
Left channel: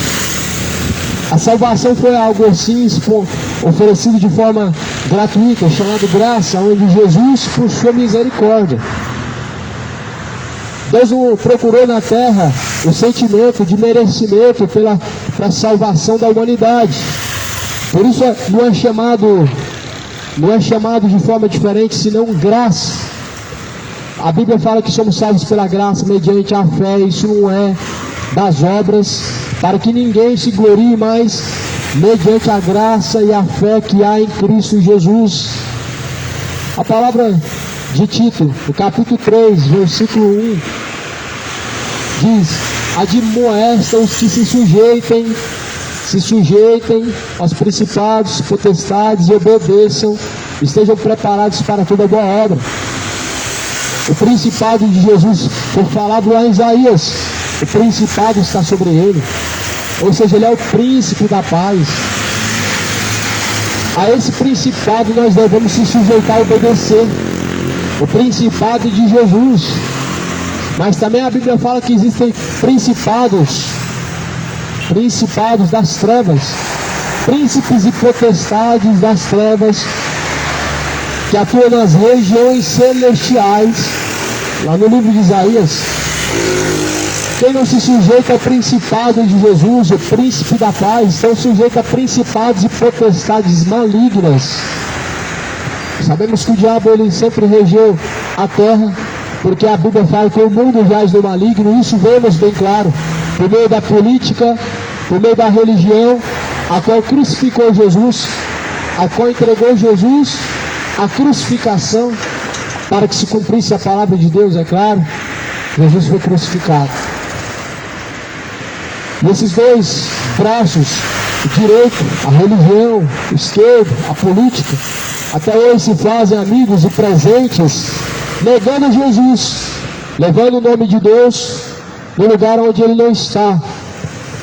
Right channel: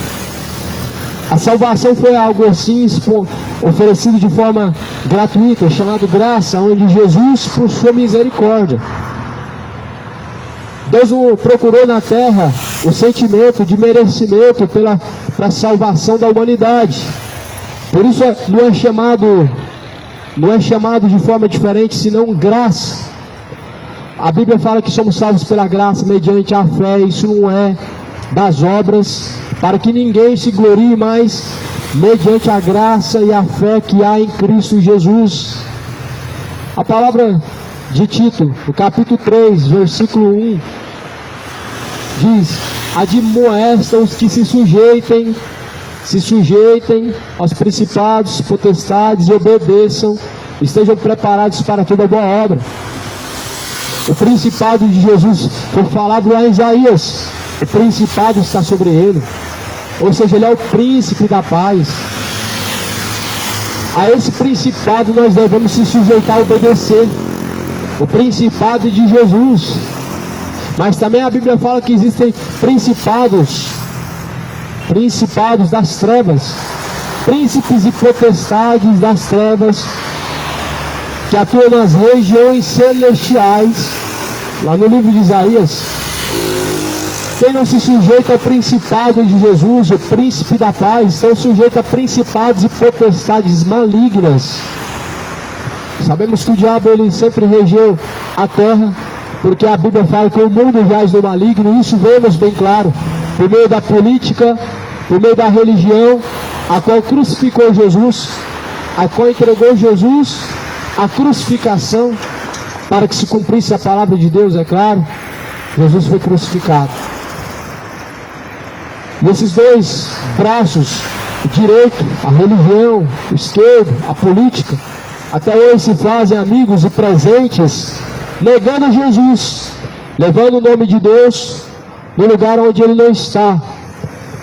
A salvação foi algo assim oferecido de forma gratuita, chamado graça, onde Jesus, por sua misericórdia, Deus não procurou na terra o sentimento de merecimento pela salvação da humanidade. Por isso não é chamado de forma diferente, senão graça. A Bíblia fala que somos salvos pela graça, mediante a fé. Isso não é das obras, para que ninguém se glorie, mas mediante a graça e a fé que há em Cristo Jesus. A palavra de Tito, no capítulo 3, versículo 1, diz: admoesta os que se sujeitem aos principados, potestades, e obedeçam, estejam preparados para toda boa obra. O principado de Jesus foi falado lá em Isaías. O principado está sobre ele, ou seja, ele é o príncipe da paz. A esse principado nós devemos se sujeitar e obedecer, o principado de Jesus. Mas também a Bíblia fala que existem principados das trevas, príncipes e potestades das trevas, que atuam nas regiões celestiais. Lá no livro de Isaías, quem não se sujeita ao principado de Jesus, o príncipe da paz, estão sujeitos a principados e potestades malignas. Sabemos que o diabo ele sempre regeu a terra, porque a Bíblia fala que o mundo jaz do maligno, e isso vemos bem claro, por meio da política, por meio da religião, a qual crucificou Jesus, a qual entregou Jesus à crucificação, para que se cumprisse a palavra de Deus, é claro. Jesus foi crucificado. E esses dois braços, direito, a religião, esquerdo, a política, até hoje se fazem amigos e presentes, negando Jesus, levando o nome de Deus no lugar onde ele não está,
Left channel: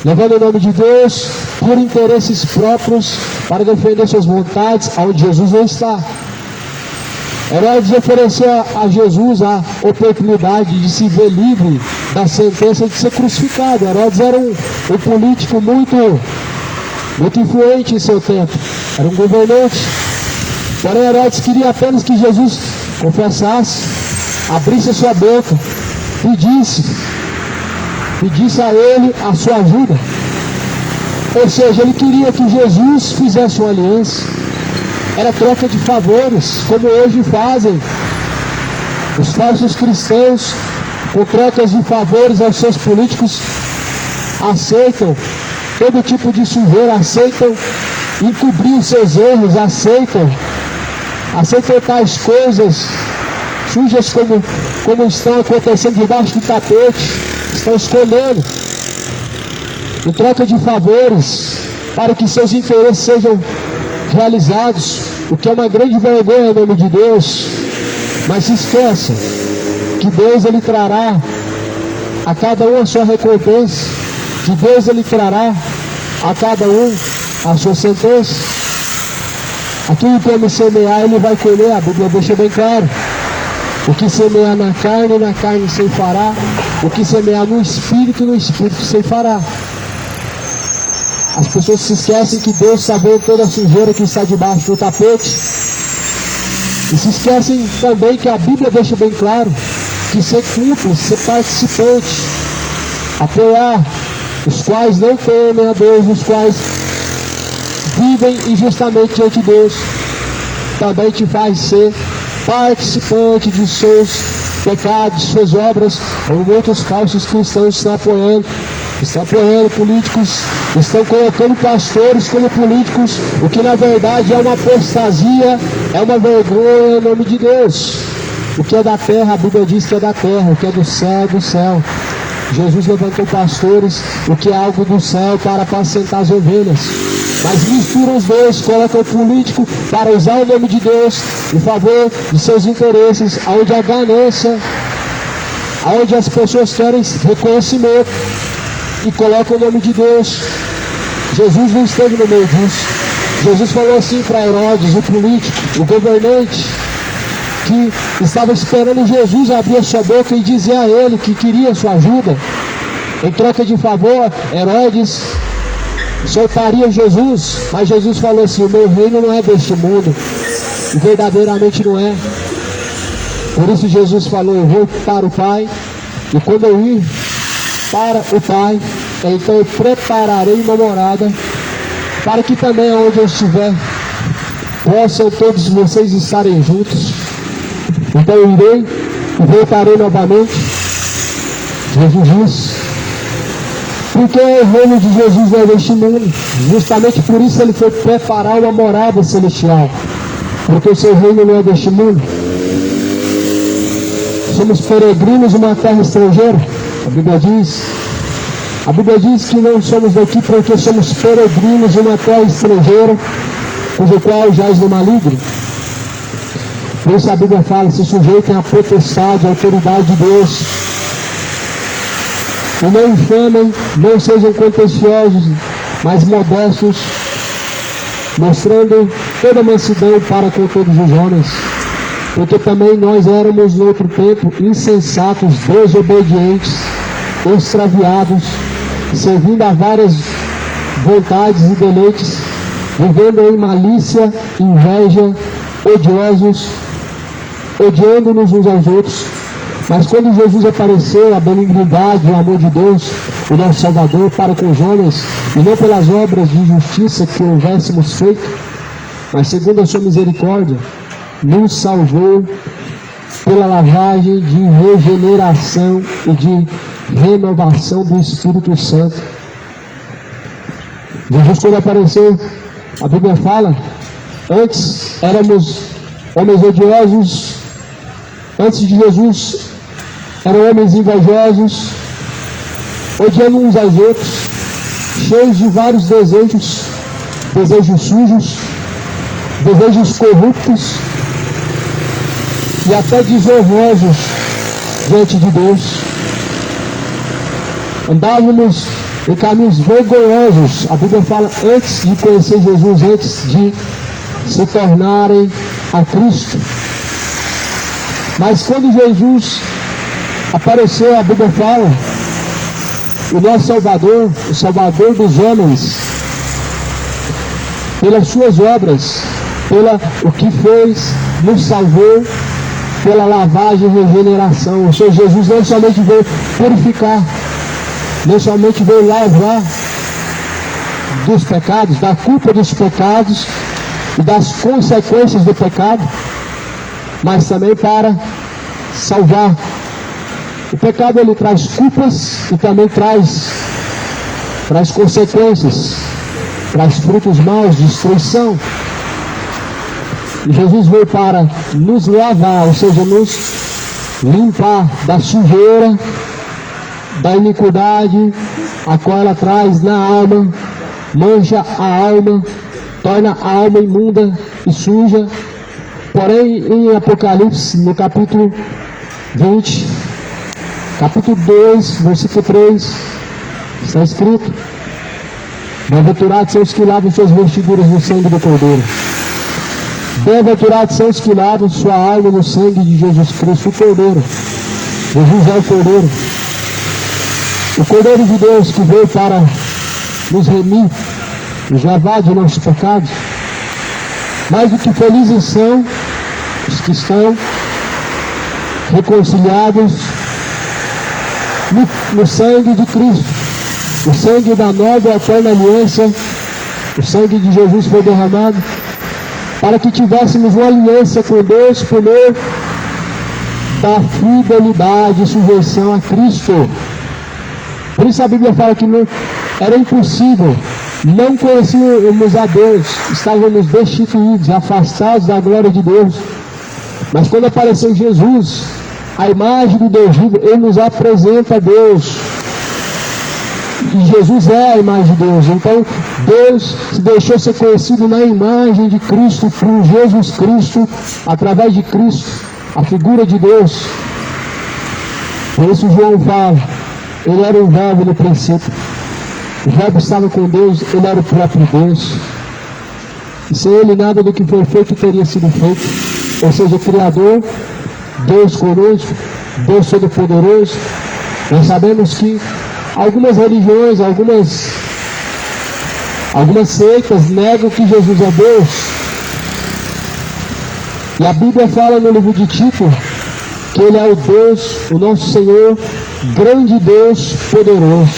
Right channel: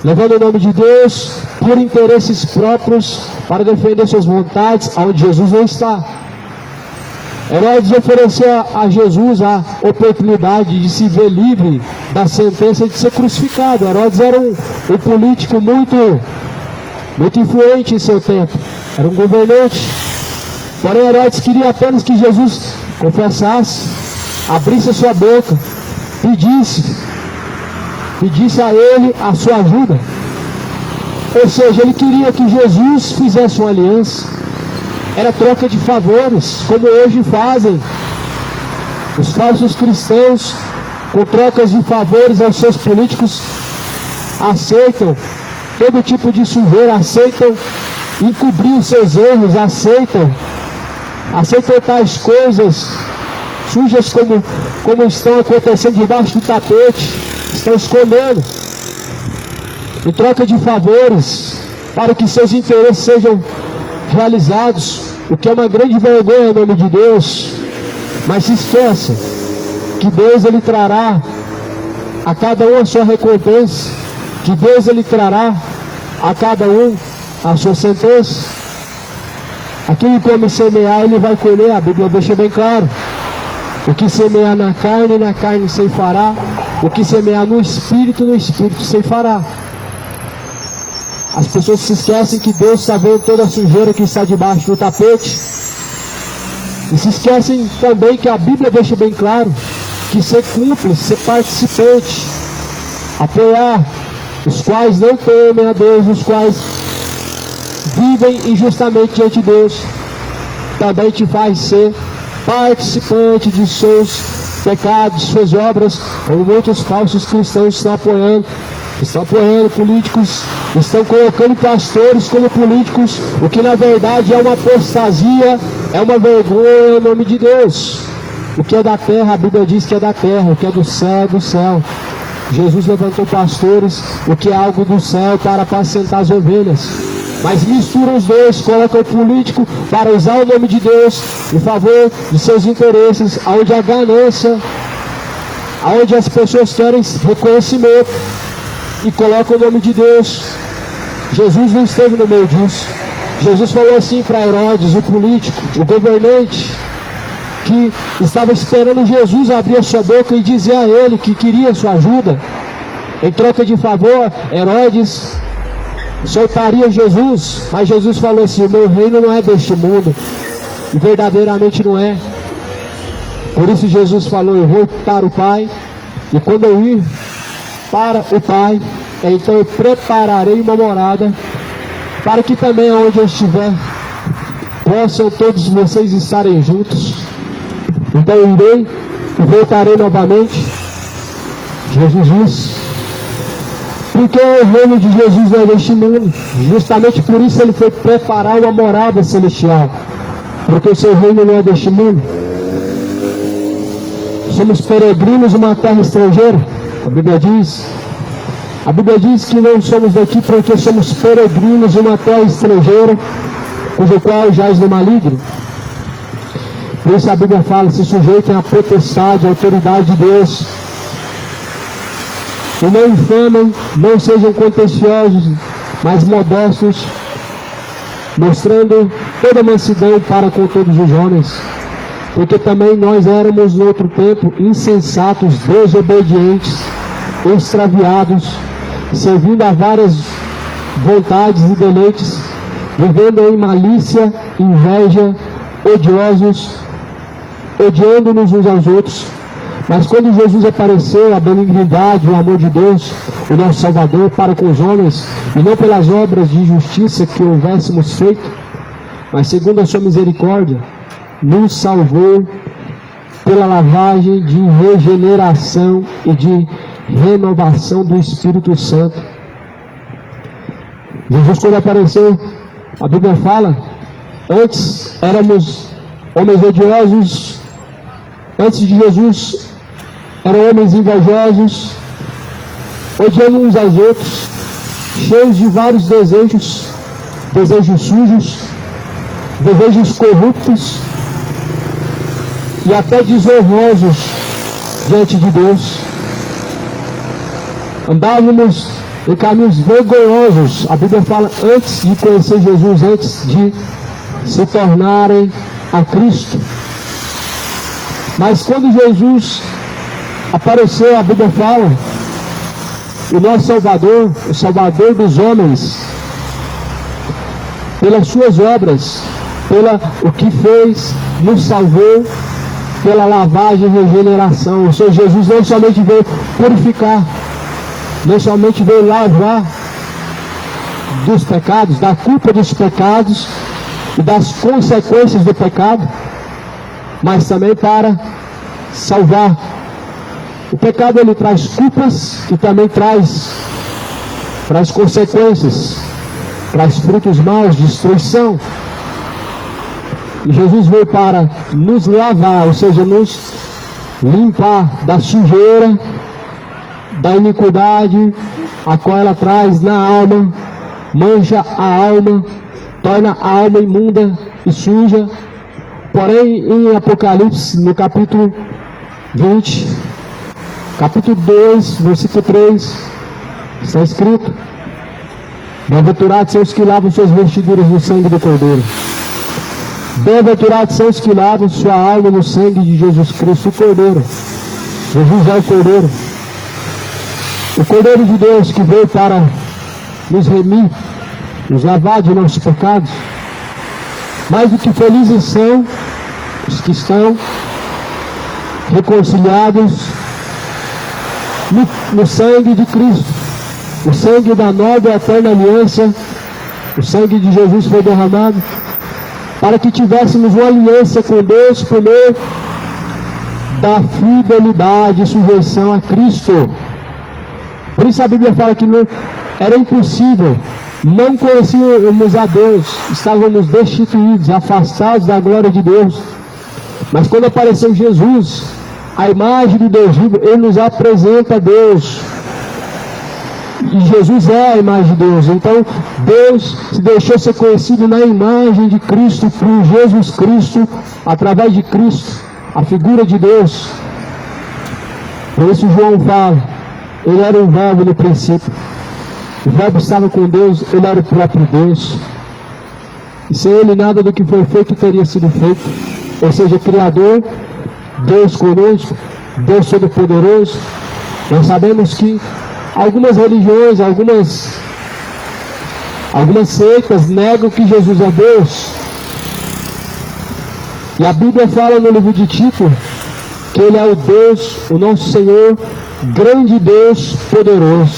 levando o nome de Deus por interesses próprios, para defender suas vontades, onde Jesus não está. Herodes ofereceu a Jesus a oportunidade de se ver livre da sentença de ser crucificado. Herodes era um político muito influente em seu tempo, era um governante. Porém, Herodes queria apenas que Jesus confessasse, abrisse a sua boca, pedisse a ele a sua ajuda. Ou seja, ele queria que Jesus fizesse uma aliança. Era troca de favores, como hoje fazem os falsos cristãos, com trocas de favores aos seus políticos. Aceitam todo tipo de sujeira, aceitam encobrir os seus erros, aceitam tais coisas sujas como estão acontecendo debaixo do tapete, estão escolhendo em troca de favores para que seus interesses sejam realizados, o que é uma grande vergonha em nome de Deus. Mas se esqueça que Deus ele trará a cada um a sua recompensa, que Deus ele trará a cada um a sua sentença. Aquilo que ele semear, ele vai colher. A Bíblia deixa bem claro: o que semear na carne se fará; o que semear no espírito se fará. As pessoas se esquecem que Deus está vendo toda a sujeira que está debaixo do tapete. E se esquecem também que a Bíblia deixa bem claro que ser cúmplice, ser participante, apoiar os quais não temem a Deus, os quais vivem injustamente diante de Deus, também te faz ser participante de seus pecados, suas obras, como muitos falsos cristãos estão apoiando políticos, estão colocando pastores como políticos, o que na verdade é uma apostasia, é uma vergonha em nome de Deus. O que é da terra, a Bíblia diz que é da terra; o que é do céu, é do céu. Jesus levantou pastores, o que é algo do céu, para apacentar as ovelhas. Mas misturam os dois, colocam o político para usar o nome de Deus em favor de seus interesses, onde a ganância, onde as pessoas querem reconhecimento, e colocam o nome de Deus. Jesus não esteve no meio disso. Jesus falou assim para Herodes, o político, o governante, que estava esperando Jesus abrir a sua boca e dizer a ele que queria sua ajuda. Em troca de favor, Herodes soltaria Jesus, mas Jesus falou assim: o meu reino não é deste mundo, e verdadeiramente não é. Por isso Jesus falou: eu vou para o Pai, e quando eu ir para o Pai, então eu prepararei uma morada, para que também onde eu estiver, possam todos vocês estarem juntos. Então eu irei e voltarei novamente. Jesus disse, porque o reino de Jesus não é deste mundo. Justamente por isso ele foi preparar uma morada celestial, porque o seu reino não é deste mundo. Somos peregrinos em uma terra estrangeira. A Bíblia diz que não somos daqui porque somos peregrinos em uma terra estrangeira, cujo qual jaz no maligno. Por isso a Bíblia fala: se sujeitem à potestade, à autoridade de Deus. E não infamem, não sejam contenciosos, mas modestos, mostrando toda a mansidão para com todos os homens. Porque também nós éramos no outro tempo insensatos, desobedientes, extraviados, servindo a várias vontades e deleites, vivendo em malícia, inveja, odiosos, odiando-nos uns aos outros. Mas quando Jesus apareceu, a benignidade, o amor de Deus, o nosso Salvador, para com os homens, e não pelas obras de justiça que houvéssemos feito, mas segundo a sua misericórdia, nos salvou pela lavagem de regeneração e de renovação do Espírito Santo. Jesus, quando apareceu, a Bíblia fala, antes éramos homens odiosos, antes de Jesus eram homens invejosos, odiando uns aos outros, cheios de vários desejos, desejos sujos, desejos corruptos e até desonrosos diante de Deus. Andávamos em caminhos vergonhosos. A Bíblia fala, antes de conhecer Jesus, antes de se tornarem a Cristo. Mas quando Jesus apareceu, a Bíblia fala, o nosso Salvador, o Salvador dos homens, pelas suas obras, pela o que fez, nos salvou, pela lavagem e regeneração. O Senhor Jesus não somente veio purificar, não somente veio lavar dos pecados, da culpa dos pecados e das consequências do pecado, mas também para salvar. O pecado, ele traz culpas e também traz consequências, traz frutos maus, destruição. E Jesus veio para nos lavar, ou seja, nos limpar da sujeira, da iniquidade, a qual ela traz na alma, mancha a alma, torna a alma imunda e suja. Porém, em Apocalipse, no capítulo 20, capítulo 2, versículo 3, está escrito: bem-aventurados são os que lavam suas vestiduras no sangue do Cordeiro. Bem-aventurados são os que lavam sua alma no sangue de Jesus Cristo, o Cordeiro. Jesus é o Cordeiro. O Cordeiro de Deus que veio para nos remir, nos lavar de nossos pecados. Mais do que felizes são os que estão reconciliados no sangue de Cristo. O sangue da nova e eterna aliança, o sangue de Jesus foi derramado para que tivéssemos uma aliança com Deus por meio da fidelidade e sujeição a Cristo. Por isso a Bíblia fala que não, era impossível, não conhecíamos a Deus, estávamos destituídos, afastados da glória de Deus. Mas quando apareceu Jesus, a imagem do Deus vivo, Ele nos apresenta a Deus. E Jesus é a imagem de Deus. Então Deus se deixou ser conhecido na imagem de Cristo, por Jesus Cristo, através de Cristo, a figura de Deus. Por isso João fala, Ele era o verbo no princípio. O verbo estava com Deus, Ele era o próprio Deus. E sem Ele nada do que foi feito teria sido feito. Ou seja, Criador, Deus conosco, Deus Todo-Poderoso. Nós sabemos que algumas religiões, algumas seitas negam que Jesus é Deus. E a Bíblia fala no livro de Tito que Ele é o Deus, o nosso Senhor, grande Deus, poderoso.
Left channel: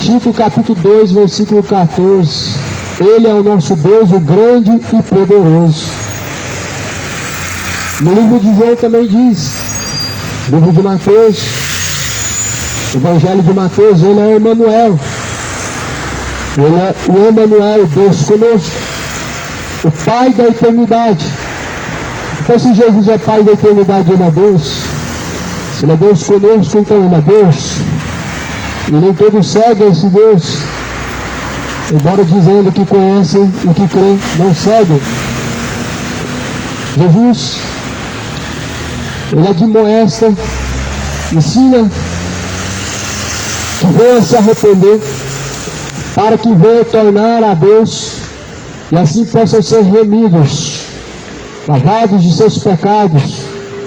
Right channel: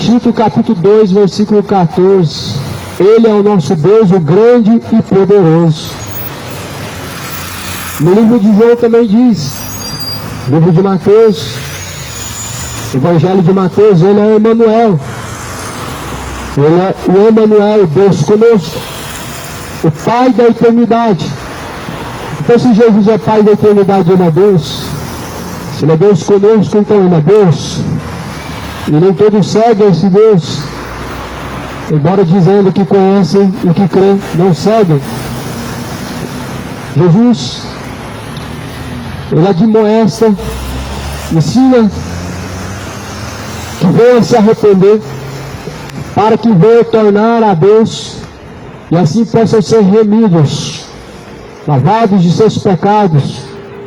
Tito capítulo 2, versículo 14. Ele é o nosso Deus, o grande e poderoso. No livro de João também diz, no livro de Mateus, Evangelho de Mateus, Ele é o Emmanuel. Ele é o Emmanuel, Deus conosco, o Pai da eternidade. Então, se Jesus é Pai da eternidade, Ele é Deus. Se Ele é Deus conosco, então Ele é Deus. E nem todos seguem esse Deus, embora dizendo que conhecem e que creem, não seguem. Jesus, Ele admoesta, ensina que venha se arrepender, para que venha tornar a Deus, e assim possam ser remidos, lavados de seus pecados,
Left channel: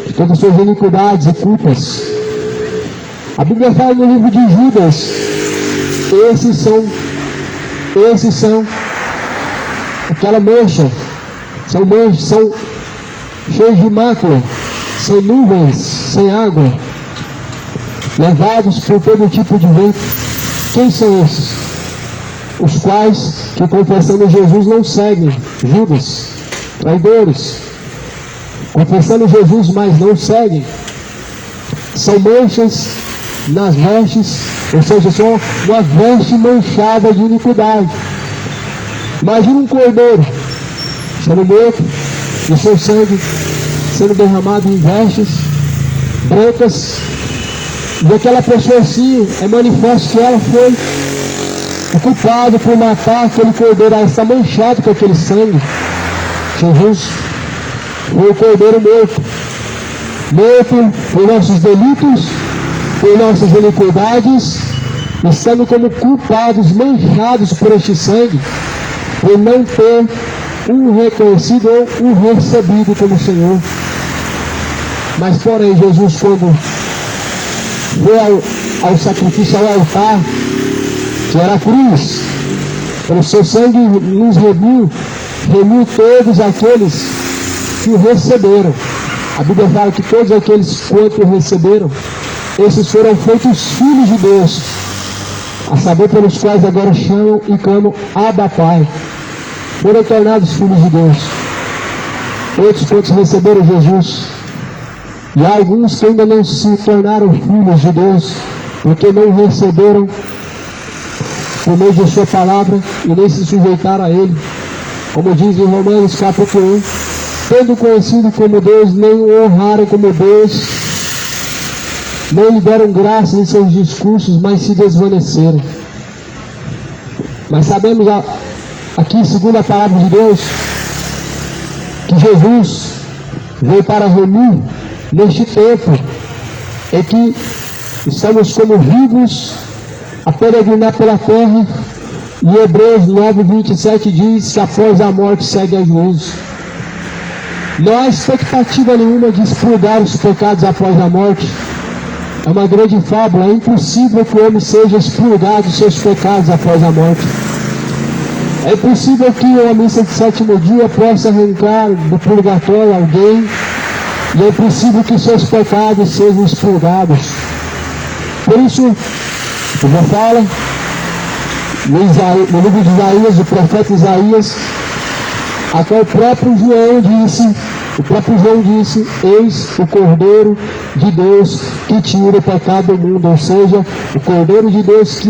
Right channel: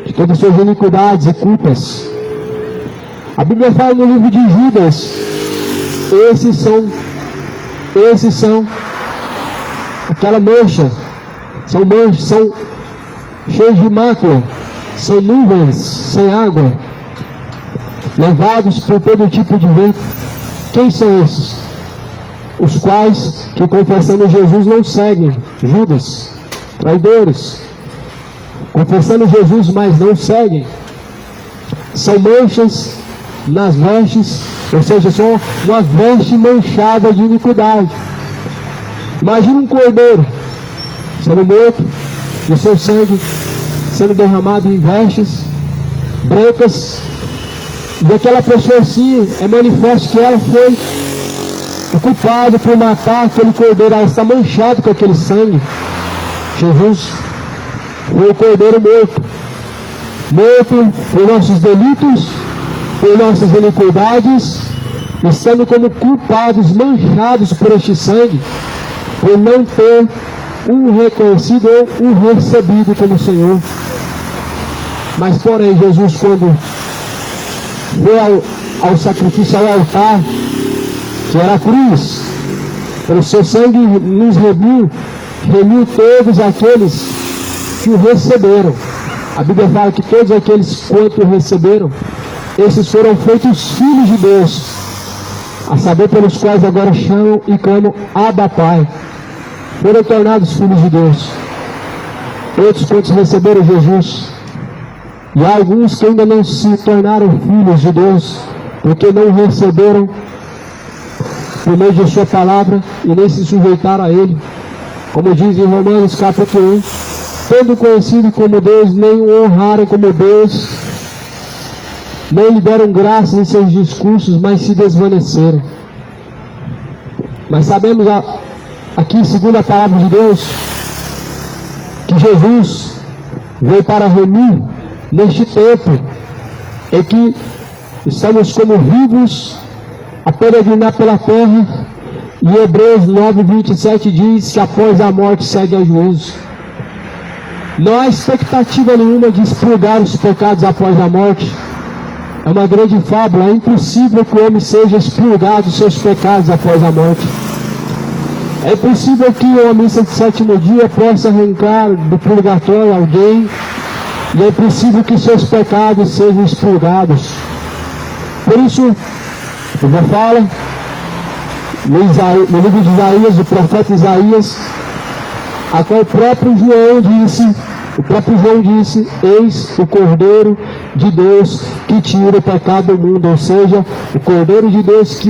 de todas as suas iniquidades e culpas. A Bíblia fala no livro de Judas, esses são aquela mancha, são cheios de mácula, são nuvens, sem água, levados por todo tipo de vento. Quem são esses? Os quais que confessando Jesus não seguem, Judas, traidores, confessando Jesus, mas não seguem. São manchas nas vestes, Ou seja, são uma veste manchada de iniquidade. Imagina um cordeiro sendo morto, o seu sangue sendo derramado em vestes brancas, e aquela pessoa assim, é manifesto que ela foi o culpado por matar aquele cordeiro, ela está manchada com aquele sangue. Jesus foi o cordeiro morto por nossos delitos, por nossas iniquidades, estando como culpados, manchados por este sangue, por não ter um reconhecido ou um recebido como Senhor. Mas porém, Jesus, quando foi ao sacrifício, ao altar, que era a cruz, pelo seu sangue nos remiu todos aqueles que o receberam. A Bíblia fala que todos aqueles quanto o receberam, esses foram feitos filhos de Deus, a saber pelos quais agora chamam e clamam Abba Pai. Foram tornados filhos de Deus. Todos quantos receberam Jesus. E há alguns que ainda não se tornaram filhos de Deus, porque não receberam por meio de sua palavra e nem se sujeitaram a Ele. Como diz em Romanos capítulo 1, tendo conhecido como Deus, nem o honraram como Deus, nem lhe deram graça em seus discursos, mas se desvaneceram. Mas sabemos aqui, segundo a palavra de Deus, que Jesus veio para remir neste tempo em que estamos como vivos a peregrinar pela terra, e Hebreus 9:27 diz que após a morte segue o juízo. Não há expectativa nenhuma de expurgar os pecados após a morte. É uma grande fábula. É impossível que o homem seja expurgado dos seus pecados após a morte. É impossível que o homem no sétimo dia possa arrancar do purgatório alguém, e é impossível que seus pecados sejam expurgados. Por isso, como fala no livro de Isaías, o profeta Isaías, a qual o próprio João disse, eis o Cordeiro de Deus que tira o pecado do mundo, ou seja, o Cordeiro de Deus que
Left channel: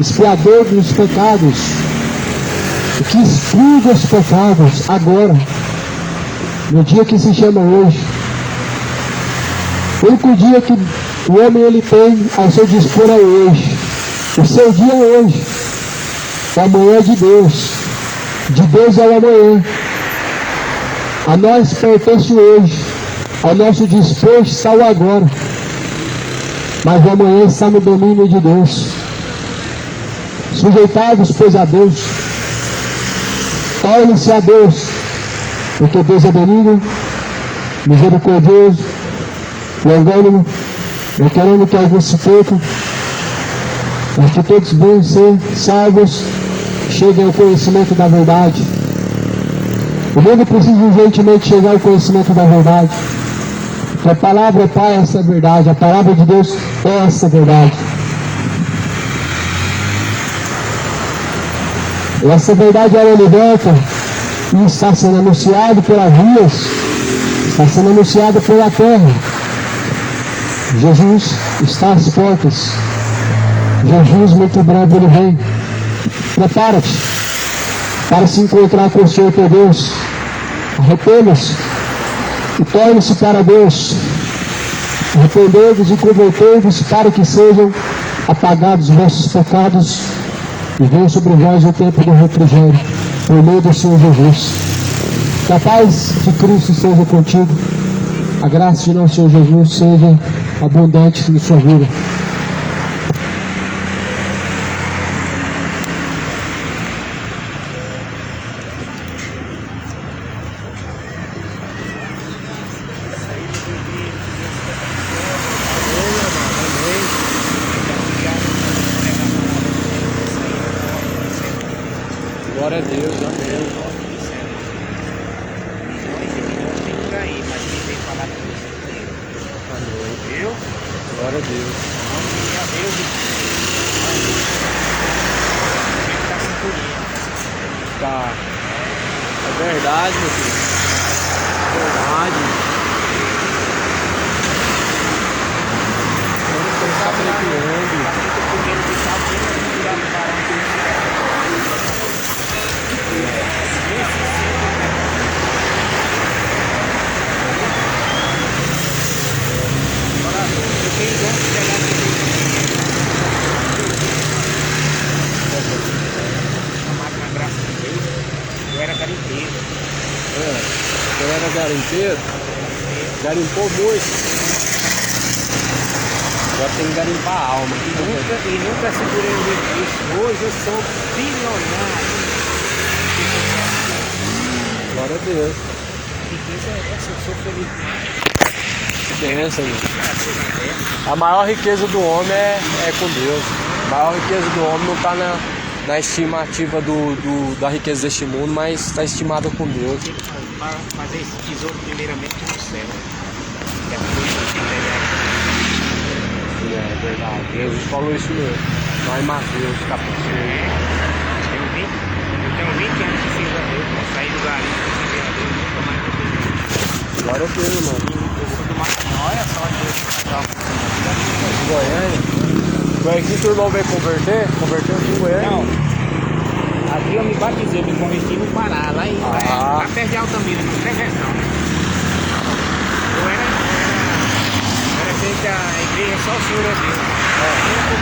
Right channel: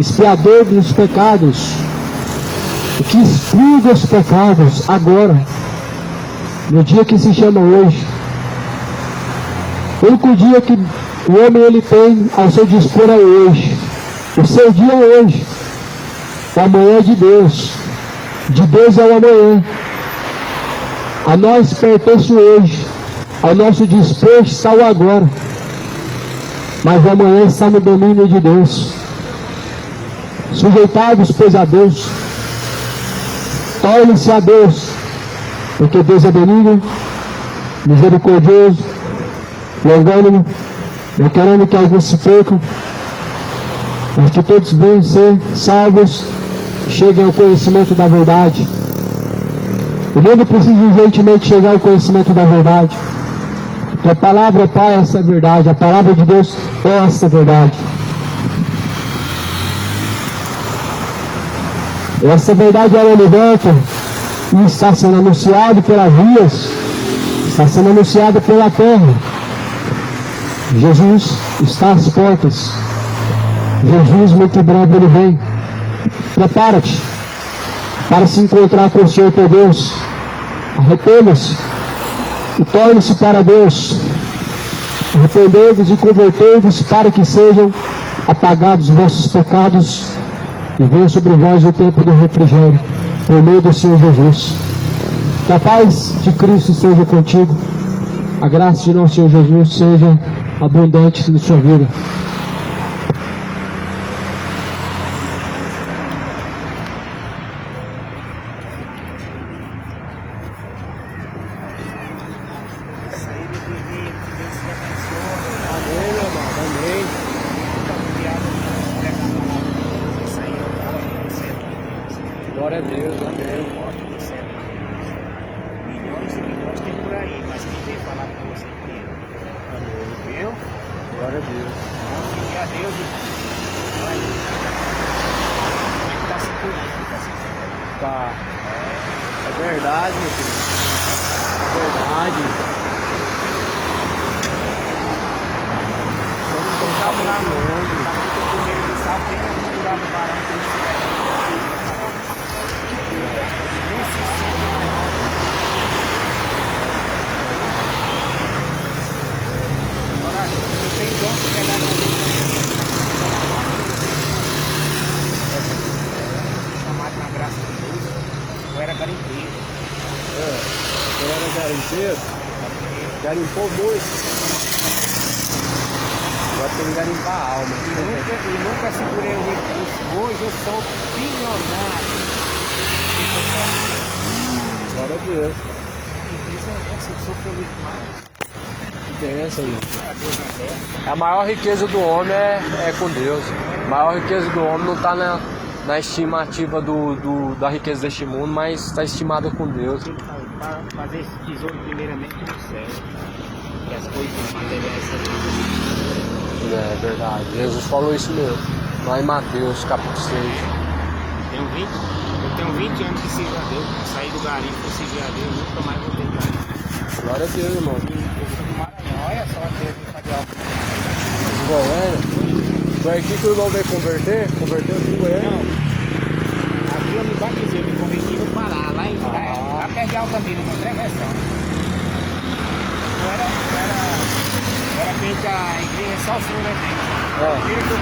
expiador dos pecados, que expurga os pecados agora, no dia que se chama hoje. O único dia que o homem ele tem ao seu dispor é hoje. O seu dia é hoje. O amanhã é de Deus. De Deus é o amanhã. A nós pertence hoje. Ao nosso dispor está o agora. Mas o amanhã está no domínio de Deus. Sujeitados, pois, a Deus. Tornem-se a Deus. Porque Deus é benigno, misericordioso, longânimo, não querendo que alguns se percam, mas que todos venham ser salvos, cheguem ao conhecimento da verdade. O mundo precisa urgentemente chegar ao conhecimento da verdade. Que a palavra é essa verdade, a palavra de Deus é essa verdade. E essa verdade ela liberta e está sendo anunciado pelas ruas, está sendo anunciado pela terra. Jesus está às portas. Jesus muito breve ele vem. Prepara-te para se encontrar com o Senhor teu Deus. Arrependa-se e torne-se para Deus. Arrependei-vos e convertei-vos para que sejam apagados os vossos pecados e venha sobre vós o tempo do refrigério, por meio do Senhor Jesus. Que a paz de Cristo esteja contigo. A graça de nosso Senhor Jesus seja abundante em sua vida. Glória a Deus, amém. Glória a Deus. Tá. É verdade, meu filho. Verdade. garimpeiro, garimpou muito. Agora tem que garimpar a alma. Nunca segurei muito isso. Hoje eu sou bilionário. Glória a Deus. Eu sou feliz demais. Bênção. A maior riqueza do homem é com Deus. A maior riqueza do homem não está na estimativa da riqueza deste mundo, mas está estimada com Deus. Fazer esse tesouro primeiramente no céu. É verdade. Jesus falou isso mesmo. Lá em Mateus, capítulo 6. Então 20 anos de ciclo, eu saí do garimpo, você vê a vida, tomar cuidado. Glória a Deus, irmão. Olha só, Foi aqui que o irmão veio converteu aqui com ele. não. Aqui eu me batizei, me converti no Pará, lá perto de Altamira, no Treversão. Eu era sempre a igreja só o Senhor é Deus.